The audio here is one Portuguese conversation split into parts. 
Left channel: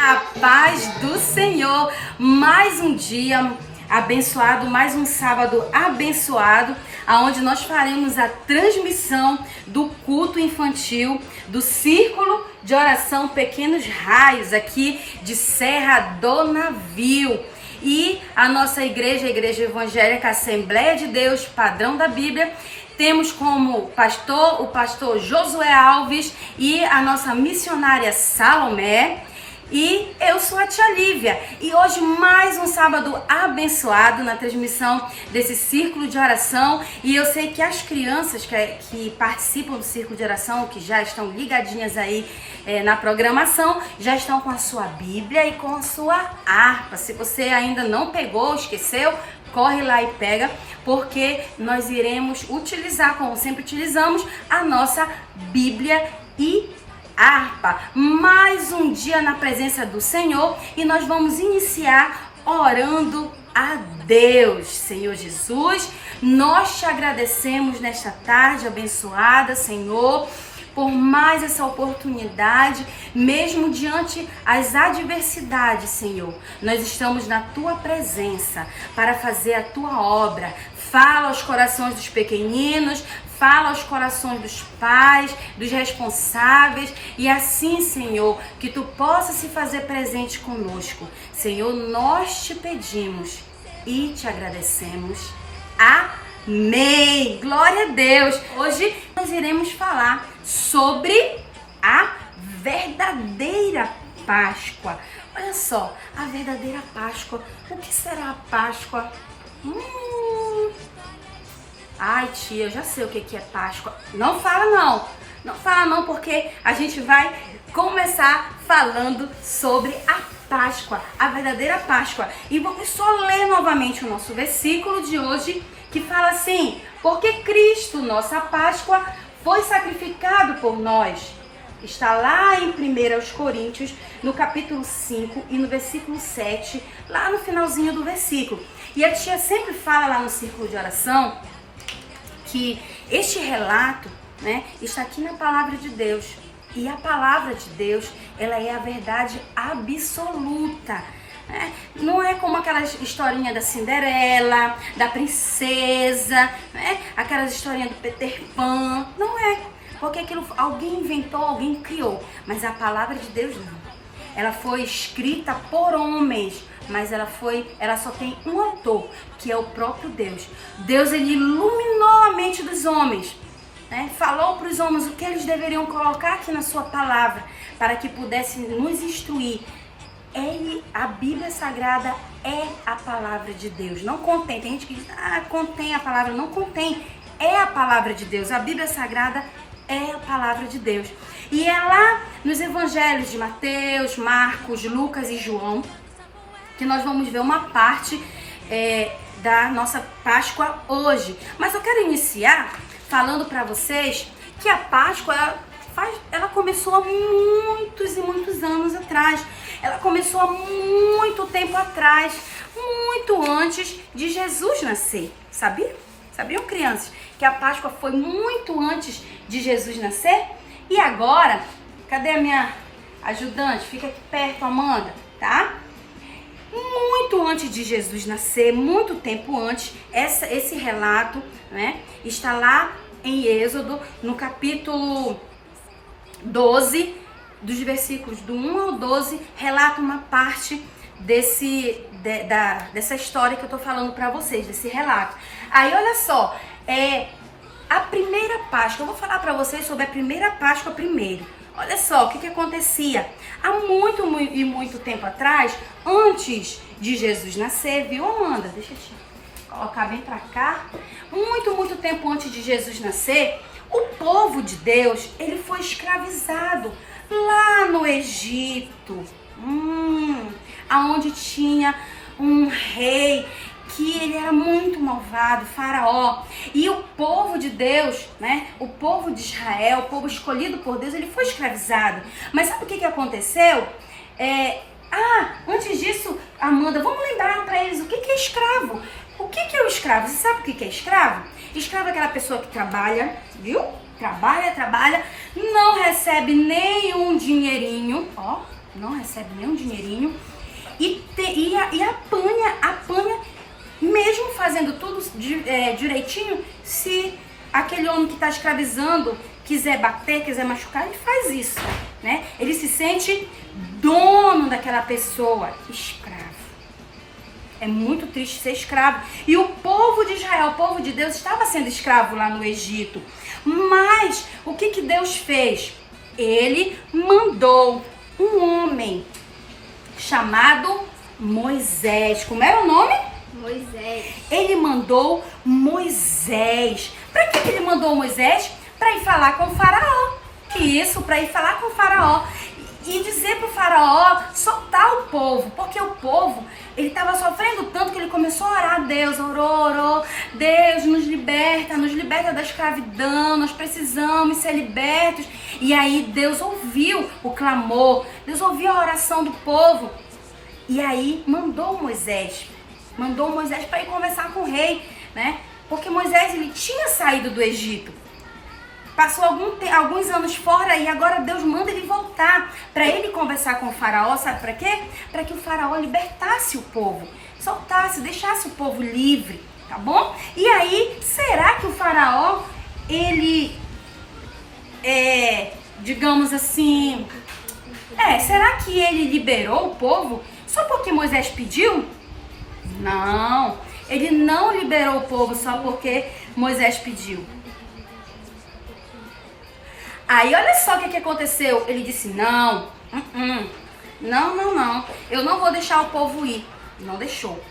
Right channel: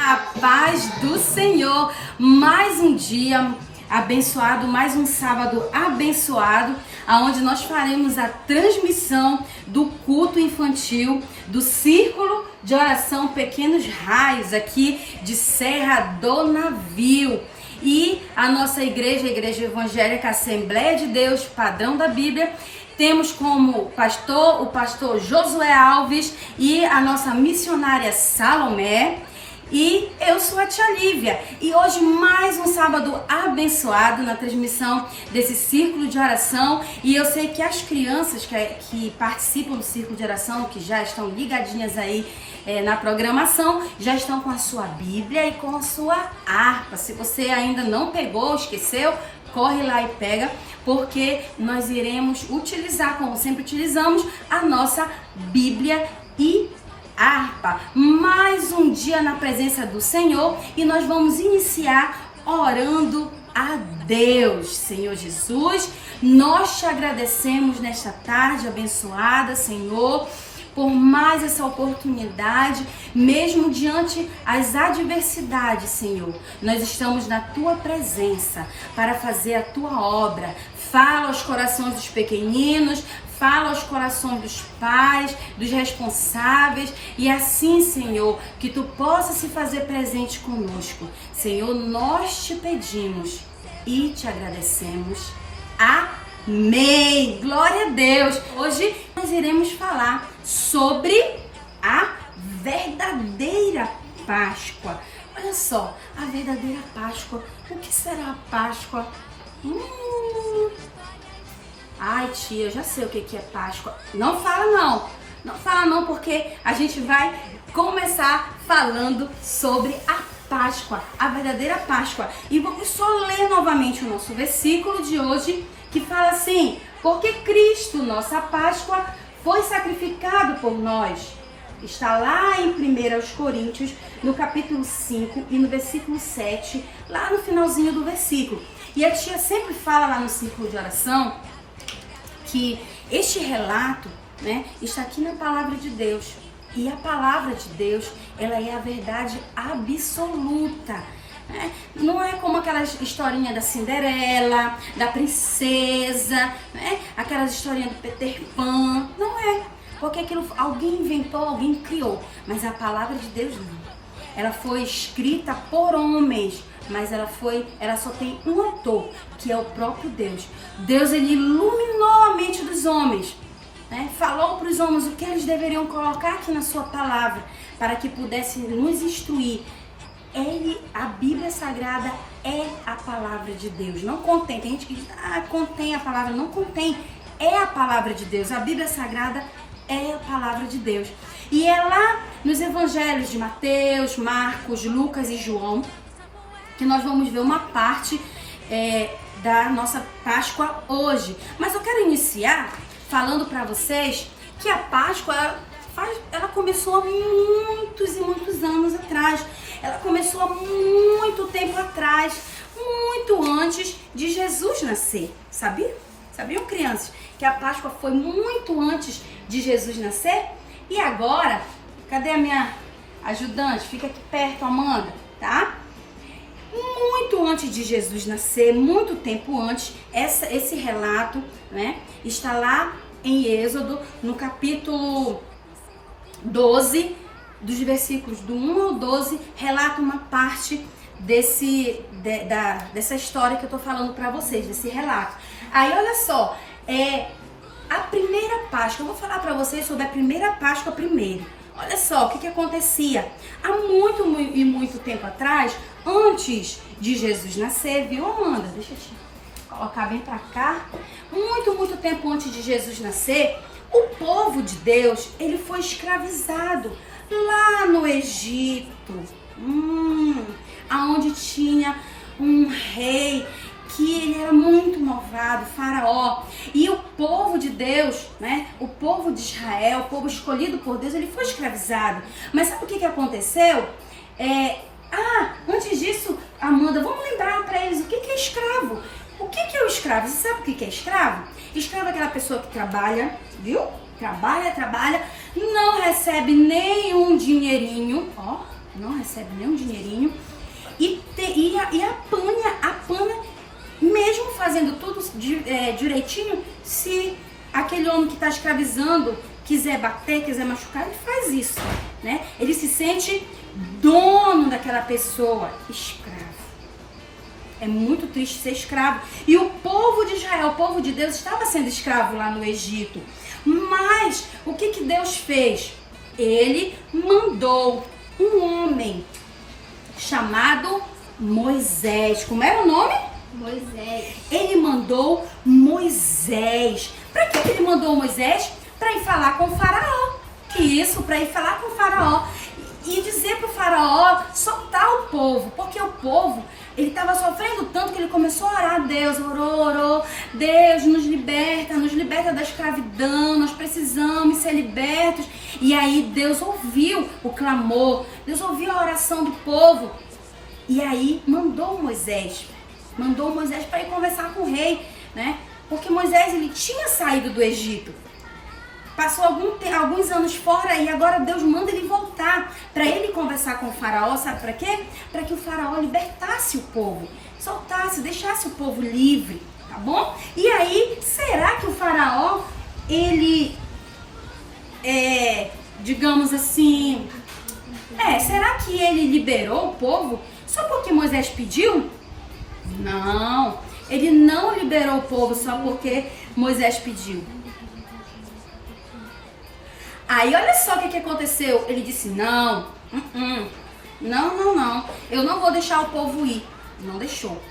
A paz do Senhor, mais um dia abençoado, mais um sábado abençoado, aonde nós faremos a transmissão do culto infantil do Círculo de Oração Pequenos Raios aqui de Serra do Navio. E a nossa igreja, a Igreja Evangélica Assembleia de Deus, Padrão da Bíblia, temos como pastor o pastor Josué Alves e a nossa missionária Salomé. E eu sou a tia Lívia, e hoje mais um sábado abençoado na transmissão desse círculo de oração. E eu sei que as crianças que participam do círculo de oração, que já estão ligadinhas aí na programação, já estão com a sua Bíblia e com a sua harpa. Se você ainda não pegou, esqueceu, corre lá e pega, porque nós iremos utilizar, como sempre utilizamos, a nossa Bíblia e harpa. Mais um dia na presença do Senhor, e nós vamos iniciar orando a Deus. Senhor Jesus, nós te agradecemos nesta tarde abençoada, Senhor, por mais essa oportunidade, mesmo diante as adversidades, Senhor. Nós estamos na tua presença para fazer a tua obra. Fala aos corações dos pequeninos, fala aos corações dos pais, dos responsáveis, e assim, Senhor, que tu possa se fazer presente conosco. Senhor, nós te pedimos e te agradecemos. Amém! Glória a Deus! Hoje nós iremos falar sobre a verdadeira Páscoa. Olha só, a verdadeira Páscoa. O que será a Páscoa? Ai, tia, eu já sei o que é Páscoa. Não fala não. Não fala não, porque a gente vai começar falando sobre a Páscoa, a verdadeira Páscoa. E vamos só ler novamente o nosso versículo de hoje, que fala assim: porque Cristo, nossa Páscoa, foi sacrificado por nós. Está lá em 1 Coríntios, no capítulo 5 e no versículo 7, lá no finalzinho do versículo. E a tia sempre fala lá no círculo de oração que este relato, né, está aqui na palavra de Deus. E a palavra de Deus, ela é a verdade absoluta. Né? Não é como aquelas historinhas da Cinderela, da princesa, né? Aquelas historinhas do Peter Pan. Não é. Porque aquilo alguém inventou, alguém criou. Mas a palavra de Deus não. Ela foi escrita por homens, mas ela só tem um autor, que é o próprio Deus. Deus, ele iluminou a mente dos homens, né? Falou para os homens o que eles deveriam colocar aqui na sua palavra, para que pudessem nos instruir. A Bíblia Sagrada é a palavra de Deus. Não contém, tem gente que diz, contém a palavra. Não contém, é a palavra de Deus. A Bíblia Sagrada é a palavra de Deus. E é lá nos evangelhos de Mateus, Marcos, Lucas e João que nós vamos ver uma parte da nossa Páscoa hoje. Mas eu quero iniciar falando para vocês que a Páscoa ela começou há muitos e muitos anos atrás. Ela começou há muito tempo atrás, muito antes de Jesus nascer. Sabiam, crianças, que a Páscoa foi muito antes de Jesus nascer? E agora, cadê a minha ajudante? Fica aqui perto, Amanda, tá? Muito antes de Jesus nascer, muito tempo antes, esse relato, né, está lá em Êxodo, no capítulo 12, dos versículos do 1 ao 12, relata uma parte dessa história que eu tô falando para vocês, desse relato. Aí, olha só, a primeira Páscoa, eu vou falar para vocês sobre a primeira Páscoa primeiro. Olha só o que acontecia há muito tempo atrás, antes de Jesus nascer, viu, Amanda? Deixa eu te colocar bem pra cá. Muito tempo antes de Jesus nascer, o povo de Deus, ele foi escravizado lá no Egito, aonde tinha um rei que ele era muito malvado, Faraó. E o povo de Deus, né? O povo de Israel, o povo escolhido por Deus, ele foi escravizado. Mas sabe o que aconteceu? Antes disso, Amanda, vamos lembrar para eles o que é escravo. O que é o escravo? Você sabe o que é escravo? Escravo é aquela pessoa que trabalha, viu? Trabalha, não recebe nenhum dinheirinho, não recebe nenhum dinheirinho e apanha, mesmo fazendo tudo direitinho. Se aquele homem que está escravizando quiser bater, quiser machucar, ele faz isso, né? Ele se sente dono daquela pessoa, escravo. É muito triste ser escravo. E o povo de Israel, o povo de Deus, estava sendo escravo lá no Egito. Mas o que Deus fez? Ele mandou um homem chamado Moisés. Como era o nome? Moisés. Ele mandou Moisés. Para que ele mandou Moisés? Para ir falar com o faraó. Isso, para ir falar com o faraó. E dizer para o faraó soltar o povo. Porque o povo, ele estava sofrendo tanto que ele começou a orar a Deus. Orou. Deus, nos liberta da escravidão. Nós precisamos ser libertos. E aí Deus ouviu o clamor. Deus ouviu a oração do povo. E aí mandou Moisés para ir conversar com o rei, né? Porque Moisés, ele tinha saído do Egito. Passou alguns anos fora e agora Deus manda ele voltar para ele conversar com o faraó. Sabe para quê? Para que o faraó libertasse o povo, soltasse, deixasse o povo livre, tá bom? E aí, será que o faraó, ele digamos assim, será que ele liberou o povo só porque Moisés pediu? Não, ele não liberou o povo só porque Moisés pediu. Aí olha só o que aconteceu. Ele disse, não, eu não vou deixar o povo ir. Não deixou.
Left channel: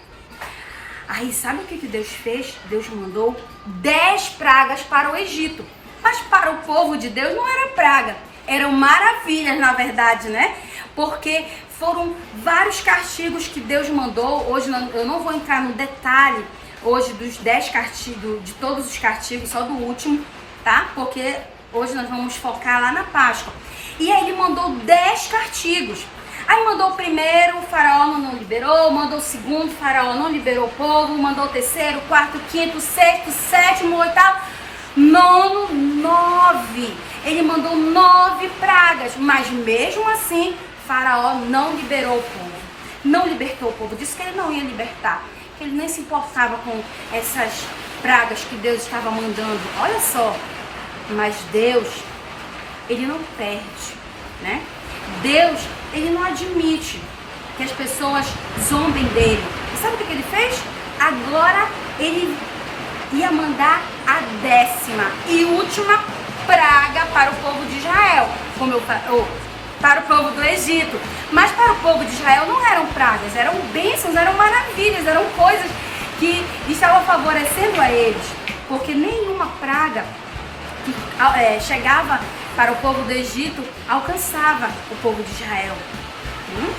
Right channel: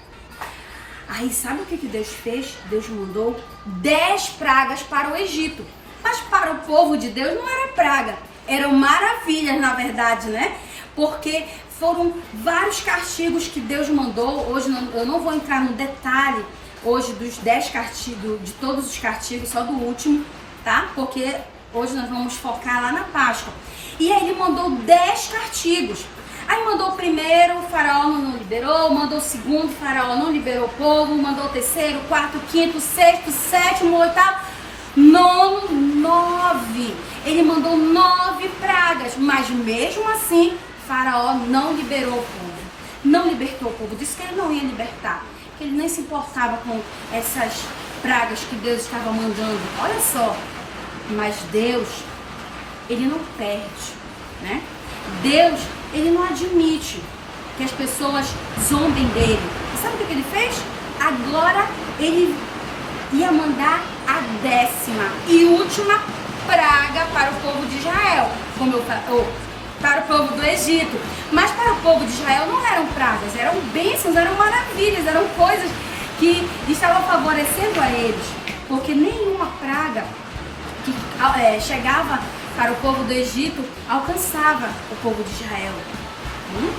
Aí sabe o que Deus fez? Deus mandou 10 pragas para o Egito. Mas para o povo de Deus não era praga. Eram maravilhas, na verdade, né? Porque foram vários castigos que Deus mandou. Hoje eu não vou entrar no detalhe hoje dos 10 castigos, de todos os castigos, só do último, tá? Porque hoje nós vamos focar lá na Páscoa. E aí ele mandou 10 castigos. Aí mandou o primeiro, o faraó não liberou. Mandou o segundo, o faraó não liberou o povo. Mandou o terceiro, o quarto, o quinto, o sexto, o sétimo, o oitavo, nono, 9. Ele mandou 9 pragas. Mas mesmo assim, faraó não liberou o povo. Não libertou o povo. Disse que ele não ia libertar. Que ele nem se importava com essas pragas que Deus estava mandando. Olha só. Mas Deus, ele não perde, né? Deus, ele não admite que as pessoas zombem dele. E sabe o que ele fez? Agora ele ia mandar a 10ª e última praga para o povo de Israel, para o povo do Egito. Mas para o povo de Israel não eram pragas, eram bênçãos, eram maravilhas, eram coisas que estavam favorecendo a eles. Porque nenhuma praga que chegava para o povo do Egito alcançava o povo de Israel.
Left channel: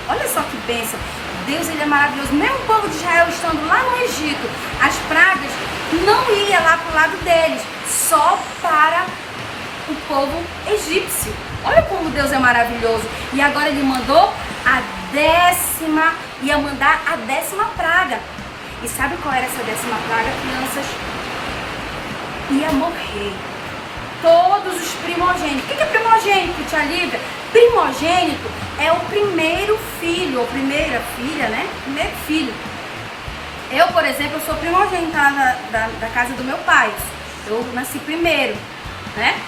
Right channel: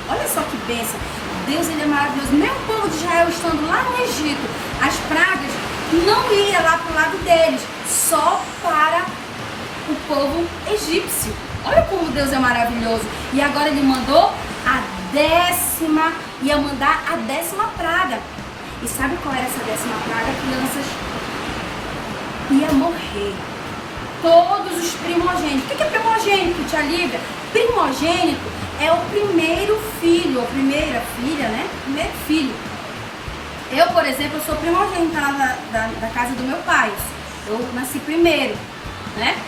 Olha só que bênção. Deus, ele é maravilhoso. Mesmo o povo de Israel estando lá no Egito, as pragas não iam lá para o lado deles, só para o povo egípcio. Olha como Deus é maravilhoso. E agora ele mandou a 10ª, ia mandar a 10ª praga. E sabe qual era essa 10ª praga, crianças? Ia morrer todos os primogênitos. O que é primogênito, tia Lívia? Primogênito é o primeiro filho, ou primeira filha, né? Primeiro filho. Eu, por exemplo, eu sou primogênita da casa do meu pai. Eu nasci primeiro, né?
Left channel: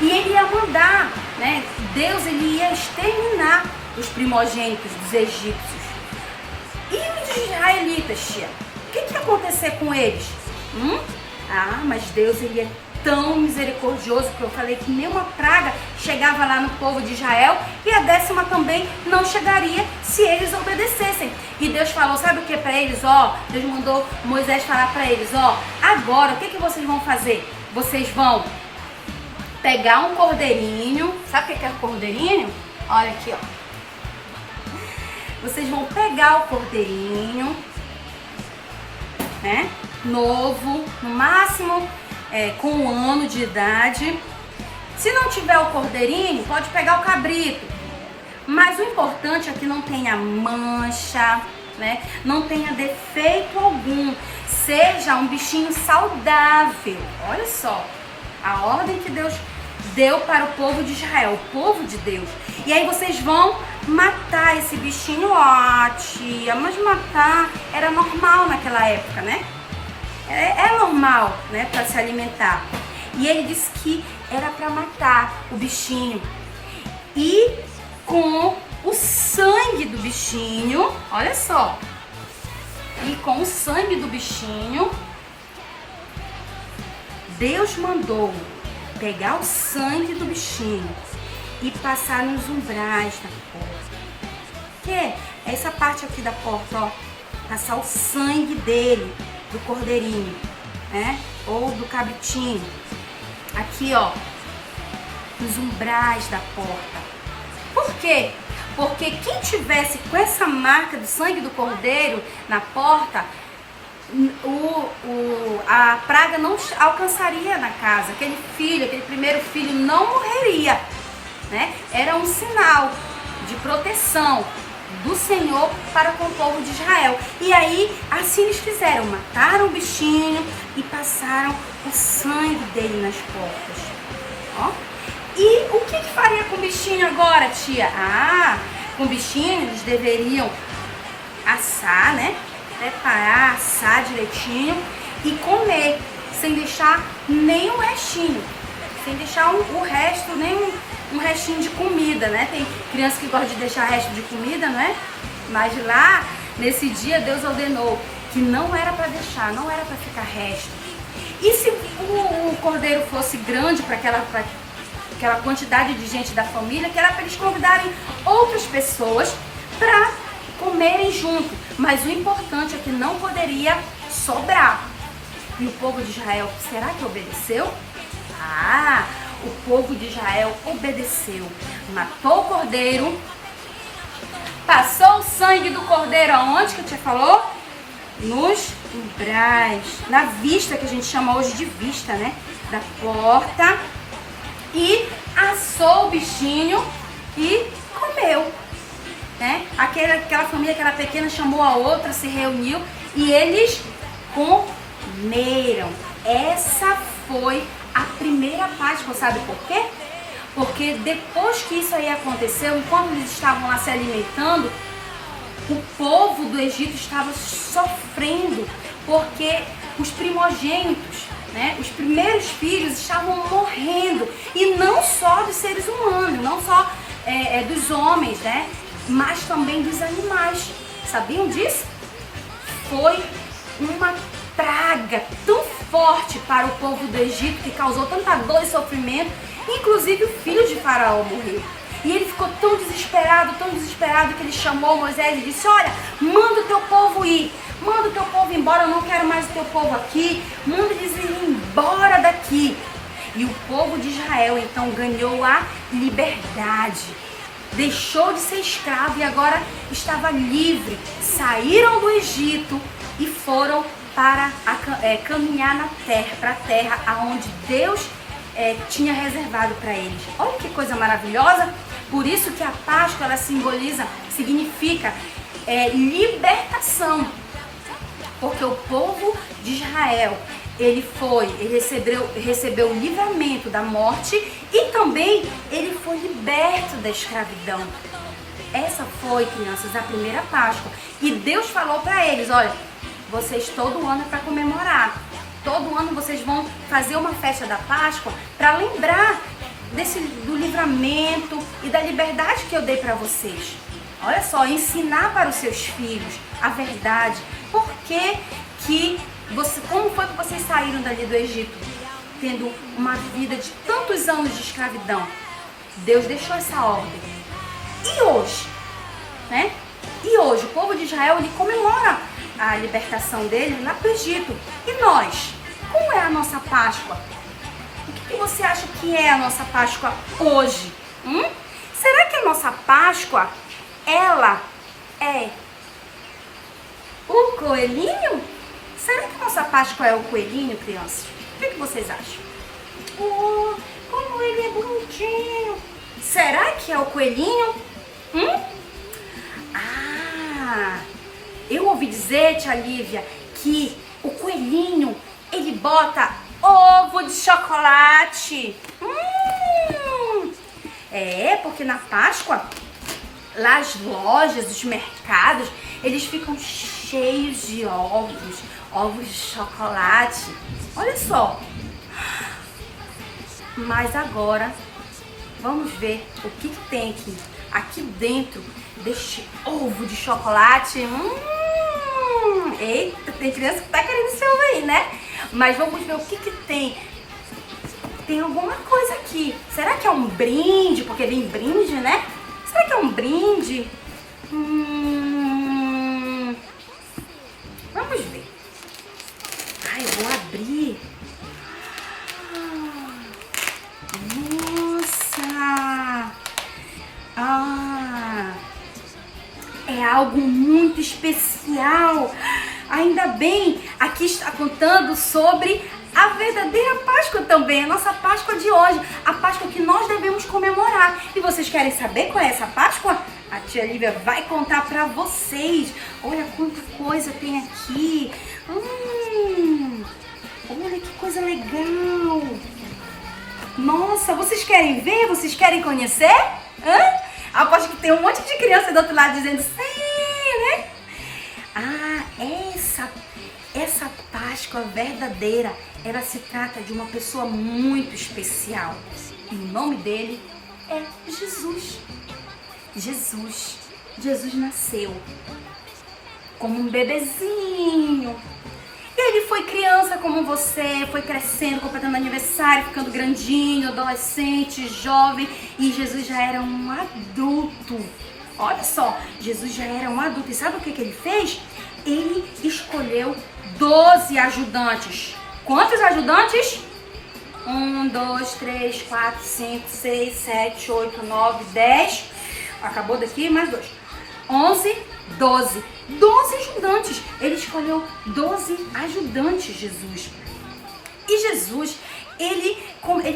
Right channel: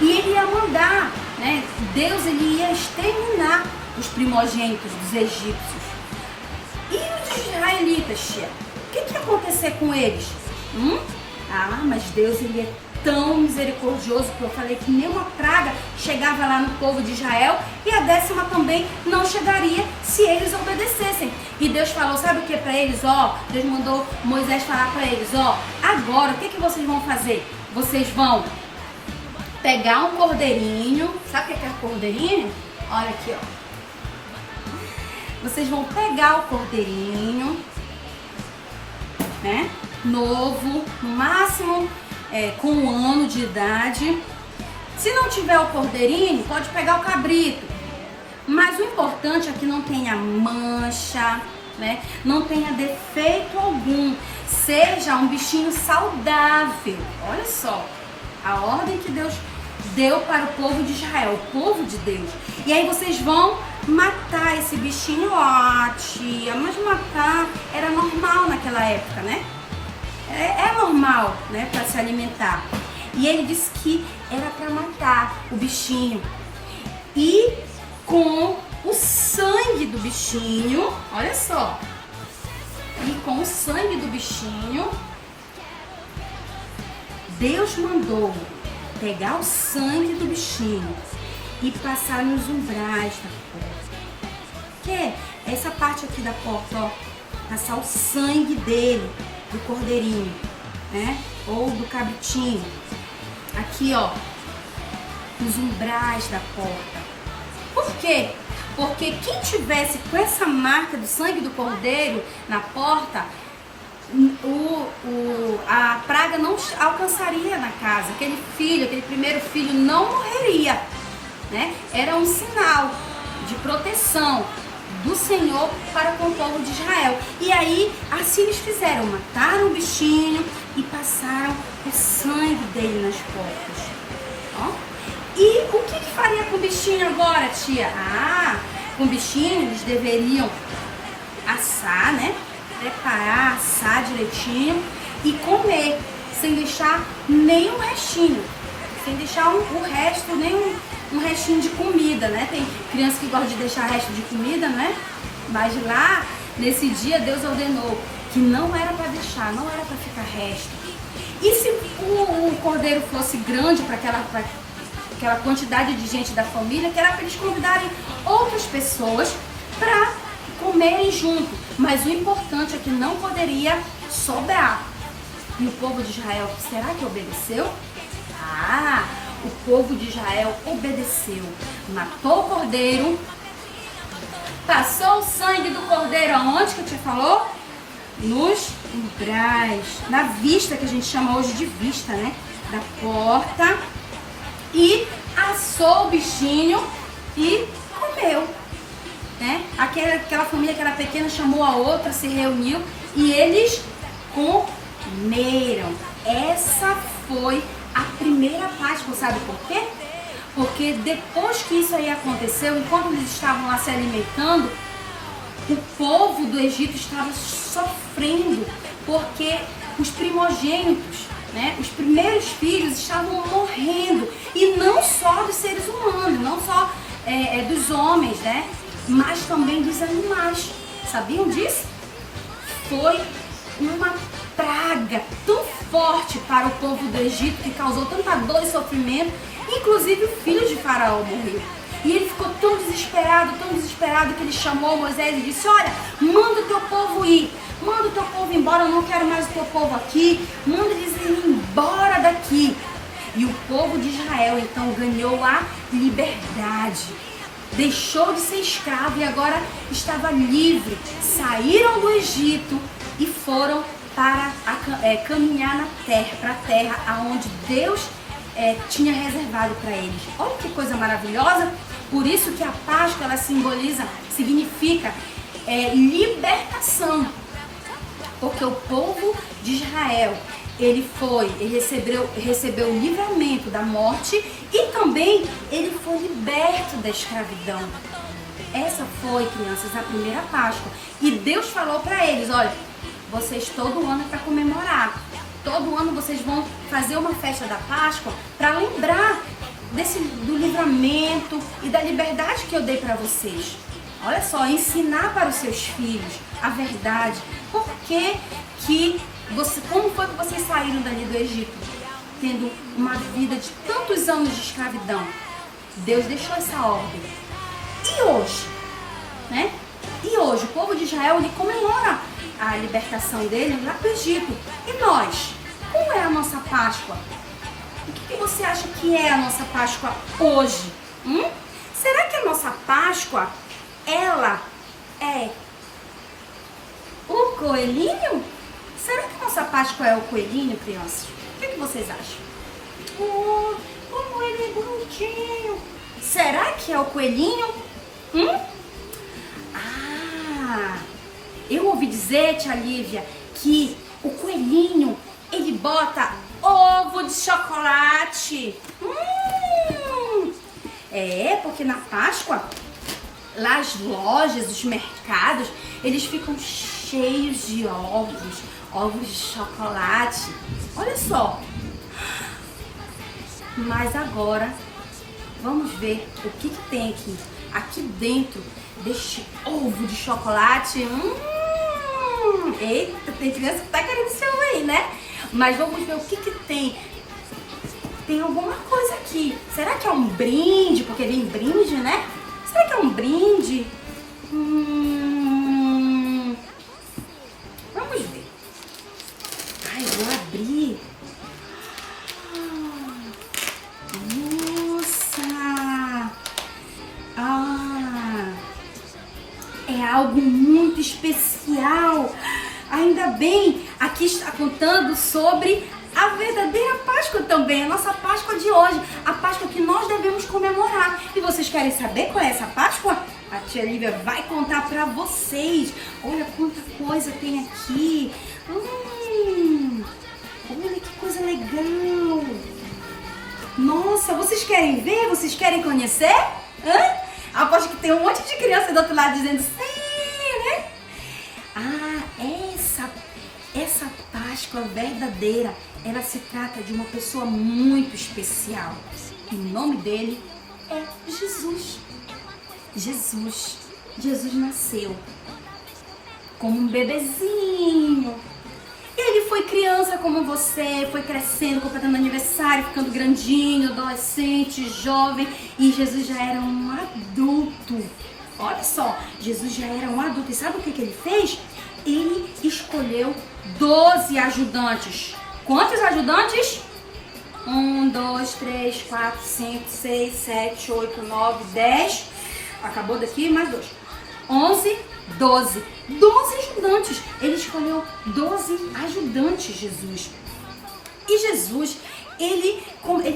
E ele ia mandar, né? Deus, ele ia exterminar os primogênitos dos egípcios. E os israelitas, tia? O que ia acontecer com eles? Mas Deus, ele é tão misericordioso que eu falei que nenhuma praga chegava lá no povo de Israel e a 10ª também não chegaria se eles obedecessem. E Deus falou, sabe o que para eles? Deus mandou Moisés falar para eles, agora o que vocês vão fazer? Vocês vão pegar um cordeirinho, sabe o que é cordeirinho? Olha aqui, Vocês vão pegar o cordeirinho, né? Novo, no máximo com 1 ano de idade. Se não tiver o cordeirinho, pode pegar o cabrito. Mas o importante é que não tenha mancha, né? Não tenha defeito algum. Seja um bichinho saudável. Olha só a ordem que Deus deu para o povo de Israel, o povo de Deus. E aí vocês vão matar esse bichinho. Ó, tia, mas matar era normal naquela época, né? É normal, né, para se alimentar. E ele disse que era para matar o bichinho. E com o sangue do bichinho, olha só. E com o sangue do bichinho, Deus mandou pegar o sangue do bichinho e passar nos umbrais da porta. Que é essa parte aqui da porta, ó. Passar o sangue dele, do cordeirinho, né? Ou do cabritinho. Aqui, ó, nos umbrais da porta. Por quê? Porque quem tivesse com essa marca do sangue do cordeiro na porta, a praga não alcançaria na casa. Aquele primeiro filho não morreria, né? Era um sinal de proteção do Senhor para com o povo de Israel. E aí, assim eles fizeram, mataram o bichinho e passaram o sangue dele nas portas. Ó. E o que faria com o bichinho agora, tia? Ah, com o bichinho eles deveriam assar, né? Preparar, assar direitinho e comer, sem deixar nenhum restinho. Sem deixar o resto, nem um restinho de comida, né? Tem criança que gosta de deixar resto de comida, não é? Mas lá, nesse dia, Deus ordenou que não era para deixar, não era para ficar resto. E se o cordeiro fosse grande para aquela quantidade de gente da família, que era para eles convidarem outras pessoas para comerem junto. Mas o importante é que não poderia sobrar. E o povo de Israel, será que obedeceu? Ah, o povo de Israel obedeceu. Matou o cordeiro, passou o sangue do cordeiro aonde que a tia falou? Nos umbrais, na vista, que a gente chama hoje de vista, né? Da porta. E assou o bichinho e comeu, né? Aquela família que era pequena chamou a outra, se reuniu e eles comeram. Essa foi a primeira Páscoa, sabe por quê? Porque depois que isso aí aconteceu, enquanto eles estavam lá se alimentando, o povo do Egito estava sofrendo, porque os primogênitos, né, os primeiros filhos estavam morrendo, e não só dos seres humanos, não só dos homens, né, mas também dos animais. Sabiam disso? Foi uma praga tão forte para o povo do Egito, que causou tanta dor e sofrimento, inclusive o filho de Faraó morreu. E ele ficou tão desesperado, que ele chamou Moisés e disse: olha, manda o teu povo ir, manda o teu povo embora, eu não quero mais o teu povo aqui, manda eles ir embora daqui. E o povo de Israel então ganhou a liberdade, deixou de ser escravo e agora estava livre. Saíram do Egito e foram para caminhar na terra, para a terra aonde Deus tinha reservado para eles. Olha que coisa maravilhosa. Por isso que a Páscoa, ela significa libertação. Porque o povo de Israel, ele recebeu o livramento da morte e também ele foi liberto da escravidão. Essa foi, crianças, a primeira Páscoa. E Deus falou para eles: olha, vocês todo ano é para comemorar. Todo ano vocês vão fazer uma festa da Páscoa para lembrar do livramento e da liberdade que eu dei para vocês. Olha só, ensinar para os seus filhos a verdade. Por que como foi que vocês saíram dali do Egito, tendo uma vida de tantos anos de escravidão? Deus deixou essa ordem. E hoje, né? E hoje o povo de Israel, ele comemora a libertação dele lá do Egito. E nós? Como é a nossa Páscoa? O que você acha que é a nossa Páscoa hoje? Será que a nossa Páscoa, ela é o coelhinho? Será que a nossa Páscoa é o coelhinho, crianças? O que vocês acham? Oh, como ele é bonitinho! Será que é o coelhinho? Ah, eu ouvi dizer, tia Lívia, que o coelhinho, ele bota ovo de chocolate. Porque na Páscoa, lá as lojas, os mercados, eles ficam cheios de ovos de chocolate. Olha só. Mas agora, vamos ver o que tem aqui dentro deste ovo de chocolate. Eita, tem criança que tá querendo esse ovo aí, né? Mas vamos ver o que tem. Tem alguma coisa aqui. Será que é um brinde? Porque vem brinde, né? Será que é um brinde? Vamos ver. Ai, eu vou abrir. Nossa! É algo muito especial. Ainda bem, aqui está contando sobre a verdadeira Páscoa também, a nossa Páscoa de hoje, a Páscoa que nós devemos comemorar. E vocês querem saber qual é essa Páscoa? A tia Lívia vai contar pra vocês. Olha quanta coisa tem aqui. Olha que coisa legal. Nossa, vocês querem ver? Vocês querem conhecer? Aposto que tem um monte de criança do outro lado dizendo sim, né? Essa Páscoa verdadeira, ela se trata de uma pessoa muito especial. E o nome dele é Jesus. Jesus nasceu como um bebezinho. E ele foi criança como você, foi crescendo, completando aniversário, ficando grandinho, adolescente, jovem. E Jesus já era um adulto. Olha só, Jesus já era um adulto. E sabe o que ele fez? Ele escolheu 12 ajudantes. Quantos ajudantes? 1, 2, 3, 4, 5, 6, 7, 8, 9, 10. Acabou daqui, mais 2. 11, 12. 12 ajudantes. Ele escolheu 12 ajudantes, Jesus. E Jesus, ele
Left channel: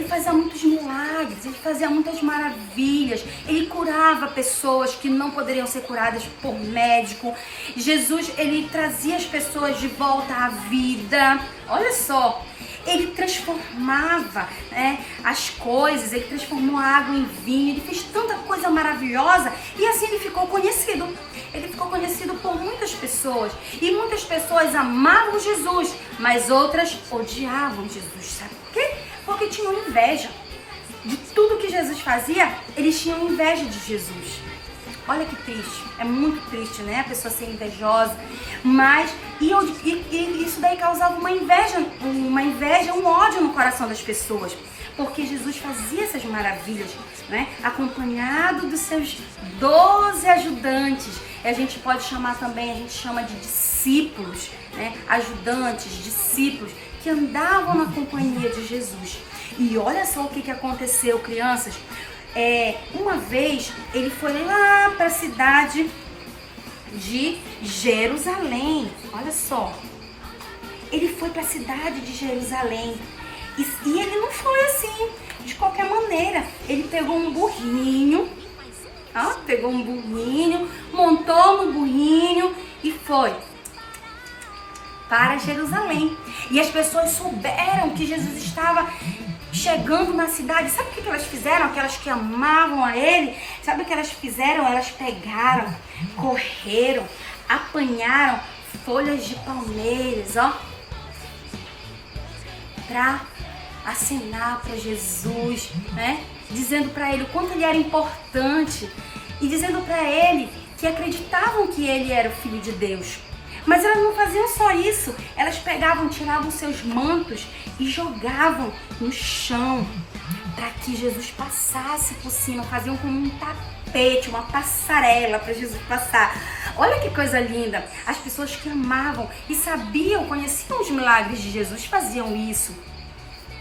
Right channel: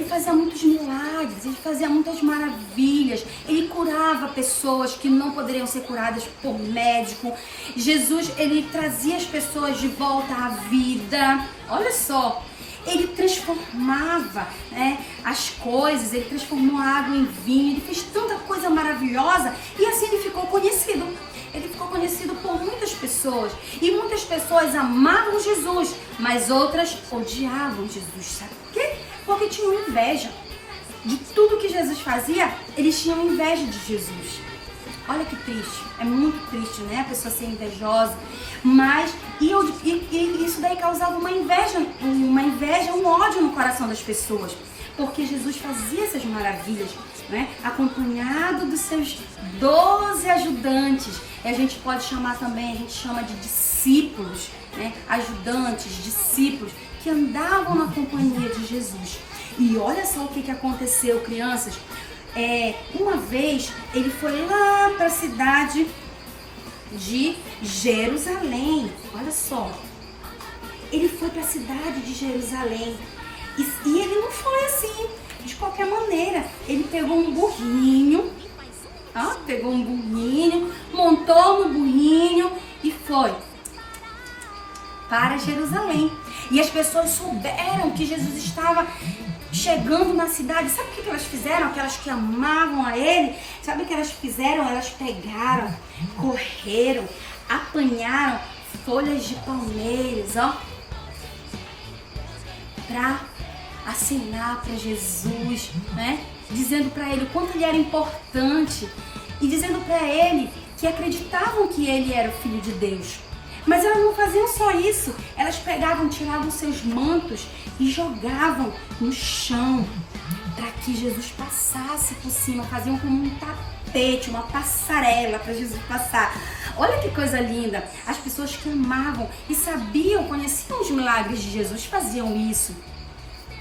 fazia muitos milagres, ele fazia muitas maravilhas. Ele curava pessoas que não poderiam ser curadas por médico. Jesus, ele trazia as pessoas de volta à vida. Olha só. Ele transformava, né, as coisas, ele transformou a água em vinho, ele fez tanta coisa maravilhosa e assim ele ficou conhecido. Ele ficou conhecido por muitas pessoas e muitas pessoas amavam Jesus, mas outras odiavam Jesus. Sabe por quê? Porque tinham inveja. De tudo que Jesus fazia, eles tinham inveja de Jesus. Olha que triste, é muito triste, né? A pessoa ser invejosa, mas isso daí causava uma inveja, um ódio no coração das pessoas, porque Jesus fazia essas maravilhas, né? Acompanhado dos seus 12 ajudantes. E a gente pode chamar também, a gente chama de discípulos, né? Ajudantes, discípulos que andavam na companhia de Jesus. E olha só o que aconteceu, crianças. Uma vez ele foi lá para a cidade de Jerusalém. Olha só, ele foi para a cidade de Jerusalém e ele não foi assim de qualquer maneira. Ele pegou um burrinho, montou no burrinho e foi para Jerusalém. E as pessoas souberam que Jesus estava chegando na cidade. Sabe o que elas fizeram? Aquelas que amavam a ele, sabe o que elas fizeram? Elas pegaram, correram, apanharam folhas de palmeiras, para acenar para Jesus, né? Dizendo para ele o quanto ele era importante e dizendo para ele que acreditavam que ele era o Filho de Deus. Mas elas não faziam só isso, elas pegavam, tiravam seus mantos e jogavam no chão para que Jesus passasse por cima, faziam como um tapete, uma passarela para Jesus passar. Olha que coisa linda! As pessoas que amavam e sabiam, conheciam os milagres de Jesus, faziam isso.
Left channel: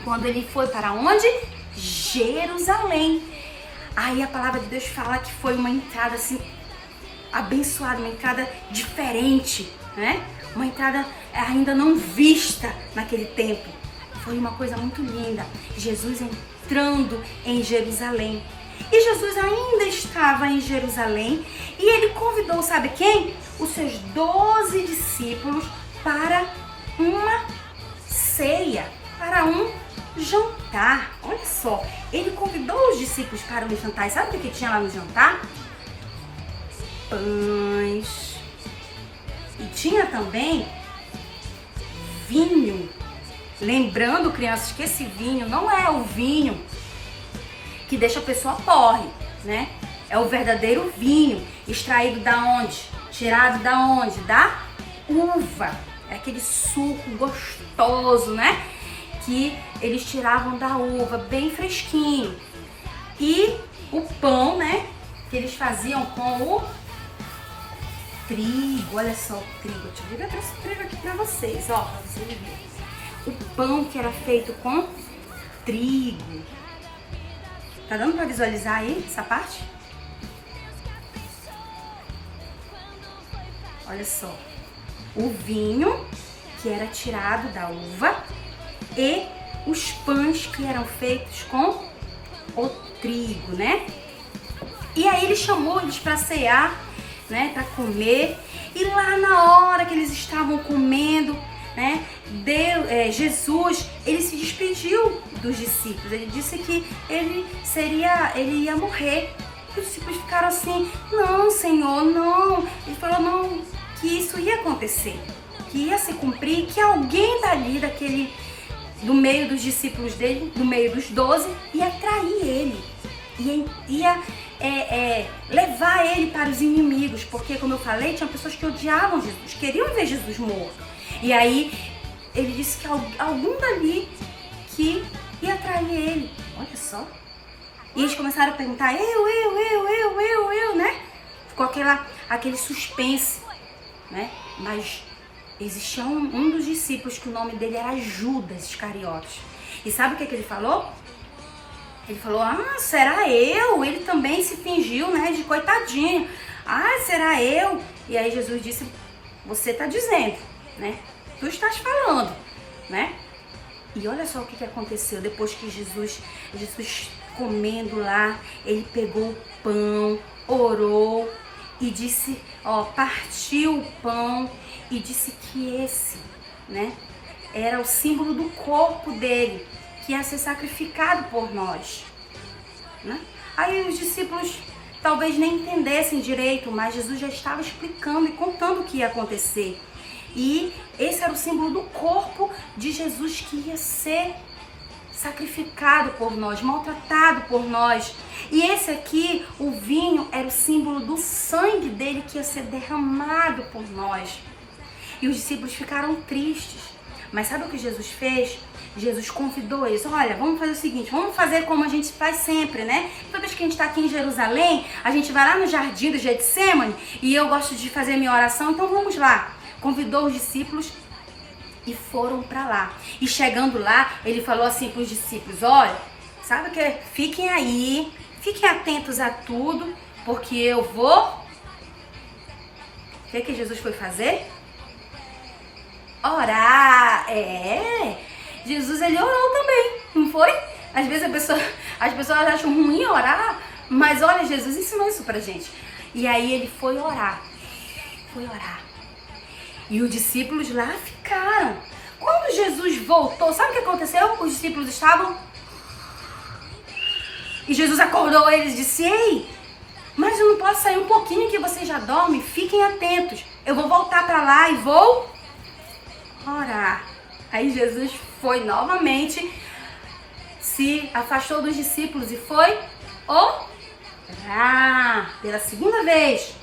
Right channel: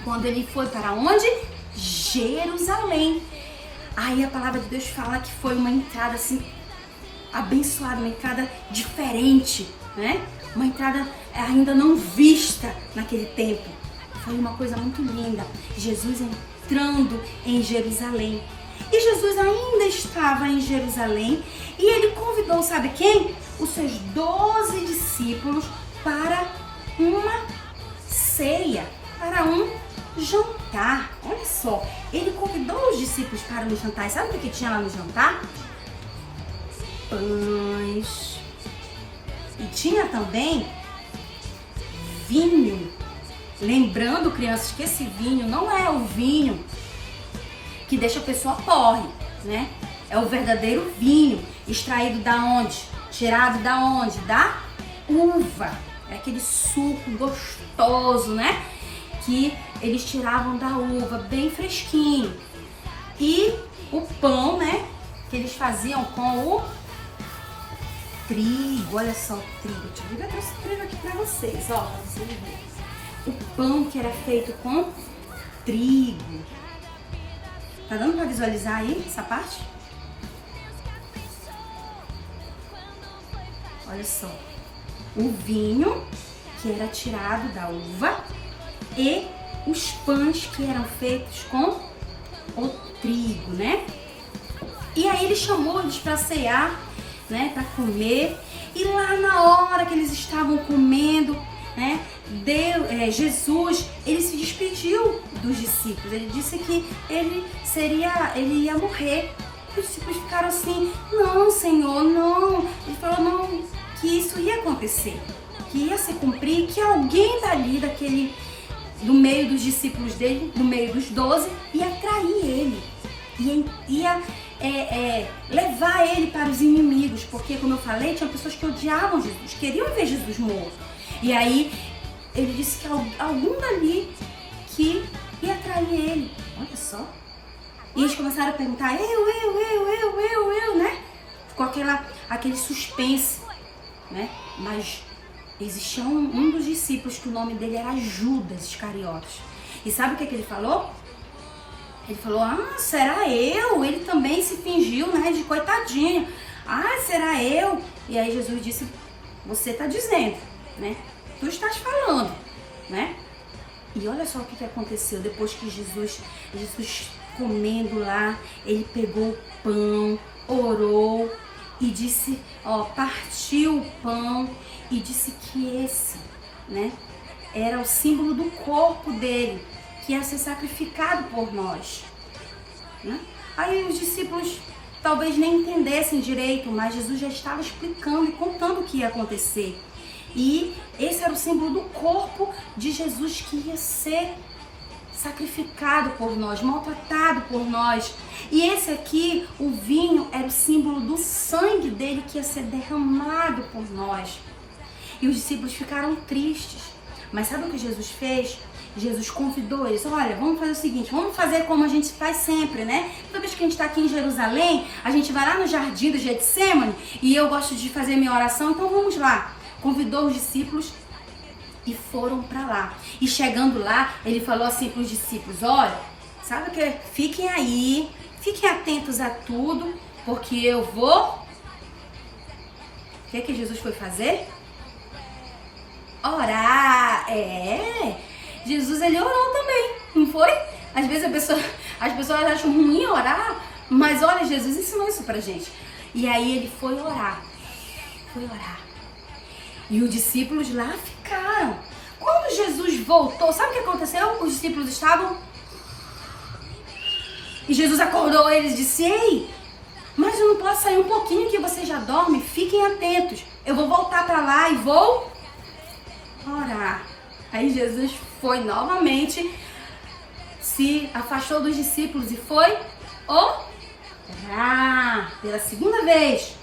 Quando ele foi para onde? Jerusalém. Aí a palavra de Deus fala que foi uma entrada assim abençoada, uma entrada diferente, né? Uma entrada ainda não vista naquele tempo. Foi uma coisa muito linda. Jesus entrando em Jerusalém. E Jesus ainda estava em Jerusalém e ele convidou, sabe quem? Os seus 12 discípulos para uma ceia, para um jantar. jantar, olha só, ele convidou os discípulos para o jantar. E sabe o que tinha lá no jantar? Pães. E tinha também vinho. Lembrando, crianças, que esse vinho não é o vinho que deixa a pessoa porre, né? É o verdadeiro vinho, extraído da onde? Tirado da onde? Da uva. É aquele suco gostoso, né? Que eles tiravam da uva, bem fresquinho. E o pão, né? Que eles faziam com o trigo. Olha só o trigo. Eu trouxe o trigo aqui pra vocês, ó. Pra vocês verem. O pão que era feito com trigo. Tá dando pra visualizar aí essa parte? Olha só. O vinho que era tirado da uva e os pães que eram feitos com o trigo, né? E aí ele chamou eles para cear, né? Para comer. E lá na hora que eles estavam comendo, né? Jesus, ele se despediu dos discípulos. Ele disse que ele ia morrer. Os discípulos ficaram assim: não, Senhor, não. Ele falou: não, que isso ia acontecer, que ia se cumprir, que alguém dali, do meio dos discípulos dele, do meio dos 12, ia trair ele, ia levar ele para os inimigos, porque, como eu falei, tinha pessoas que odiavam Jesus, queriam ver Jesus morto. E aí ele disse que algum dali que ia trair ele. Olha só. E eles começaram a perguntar: eu, né? Ficou aquele suspense, né? Mas existia um dos discípulos que o nome dele era Judas Iscariotes. E sabe o que ele falou? Ele falou: ah, será eu? Ele também se fingiu, né, de coitadinho. Ah, será eu? E aí Jesus disse: você está dizendo, né? Tu estás falando, né? E olha só o que aconteceu. Depois que Jesus comendo lá, ele pegou o pão, orou e disse, partiu o pão e disse que esse, né, era o símbolo do corpo dele, que ia ser sacrificado por nós, né? Aí os discípulos talvez nem entendessem direito, mas Jesus já estava explicando e contando o que ia acontecer. E esse era o símbolo do corpo de Jesus que ia ser sacrificado por nós, maltratado por nós. E esse aqui, o vinho, era o símbolo do sangue dele que ia ser derramado por nós. E os discípulos ficaram tristes. Mas sabe o que Jesus fez? Jesus convidou eles: olha, vamos fazer o seguinte, vamos fazer como a gente faz sempre, né? Toda vez que a gente está aqui em Jerusalém, a gente vai lá no jardim do Getsemane e eu gosto de fazer minha oração, então vamos lá. Convidou os discípulos e foram para lá. E chegando lá, ele falou assim para os discípulos: olha, sabe o que? Fiquem aí, fiquem atentos a tudo, porque eu vou... O que Jesus foi fazer? Orar. Jesus, ele orou também, não foi? Às vezes as pessoas acham ruim orar, mas olha, Jesus ensinou isso pra gente. E aí ele foi orar. E os discípulos lá ficaram. Quando Jesus voltou, sabe o que aconteceu? Os discípulos estavam... E Jesus acordou eles e disse: ei, mas eu não posso sair um pouquinho que vocês já dormem? Fiquem atentos. Eu vou voltar para lá e vou orar. Aí Jesus foi novamente, se afastou dos discípulos e foi orar pela segunda vez.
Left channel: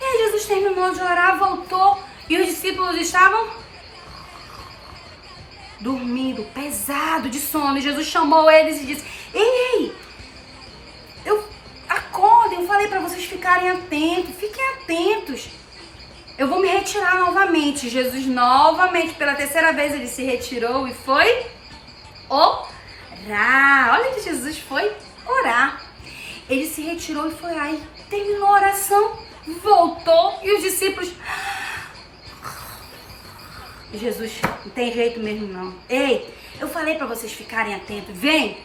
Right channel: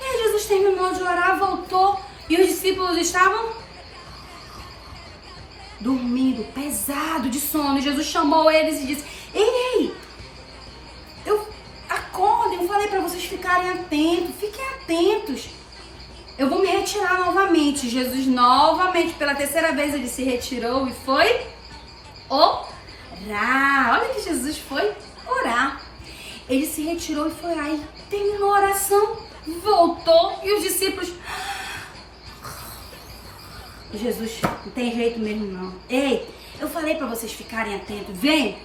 E aí Jesus terminou de orar, voltou e os discípulos estavam dormindo, pesado de sono. E Jesus chamou eles e disse: ei, acordem, eu falei para vocês ficarem atentos, fiquem atentos. Eu vou me retirar novamente. Jesus novamente, pela terceira vez, ele se retirou e foi orar. Olha que Jesus foi orar. Ele se retirou e foi lá e terminou a oração, voltou e os discípulos... Jesus, não tem jeito mesmo não. Ei, eu falei para vocês ficarem atentos. Vem,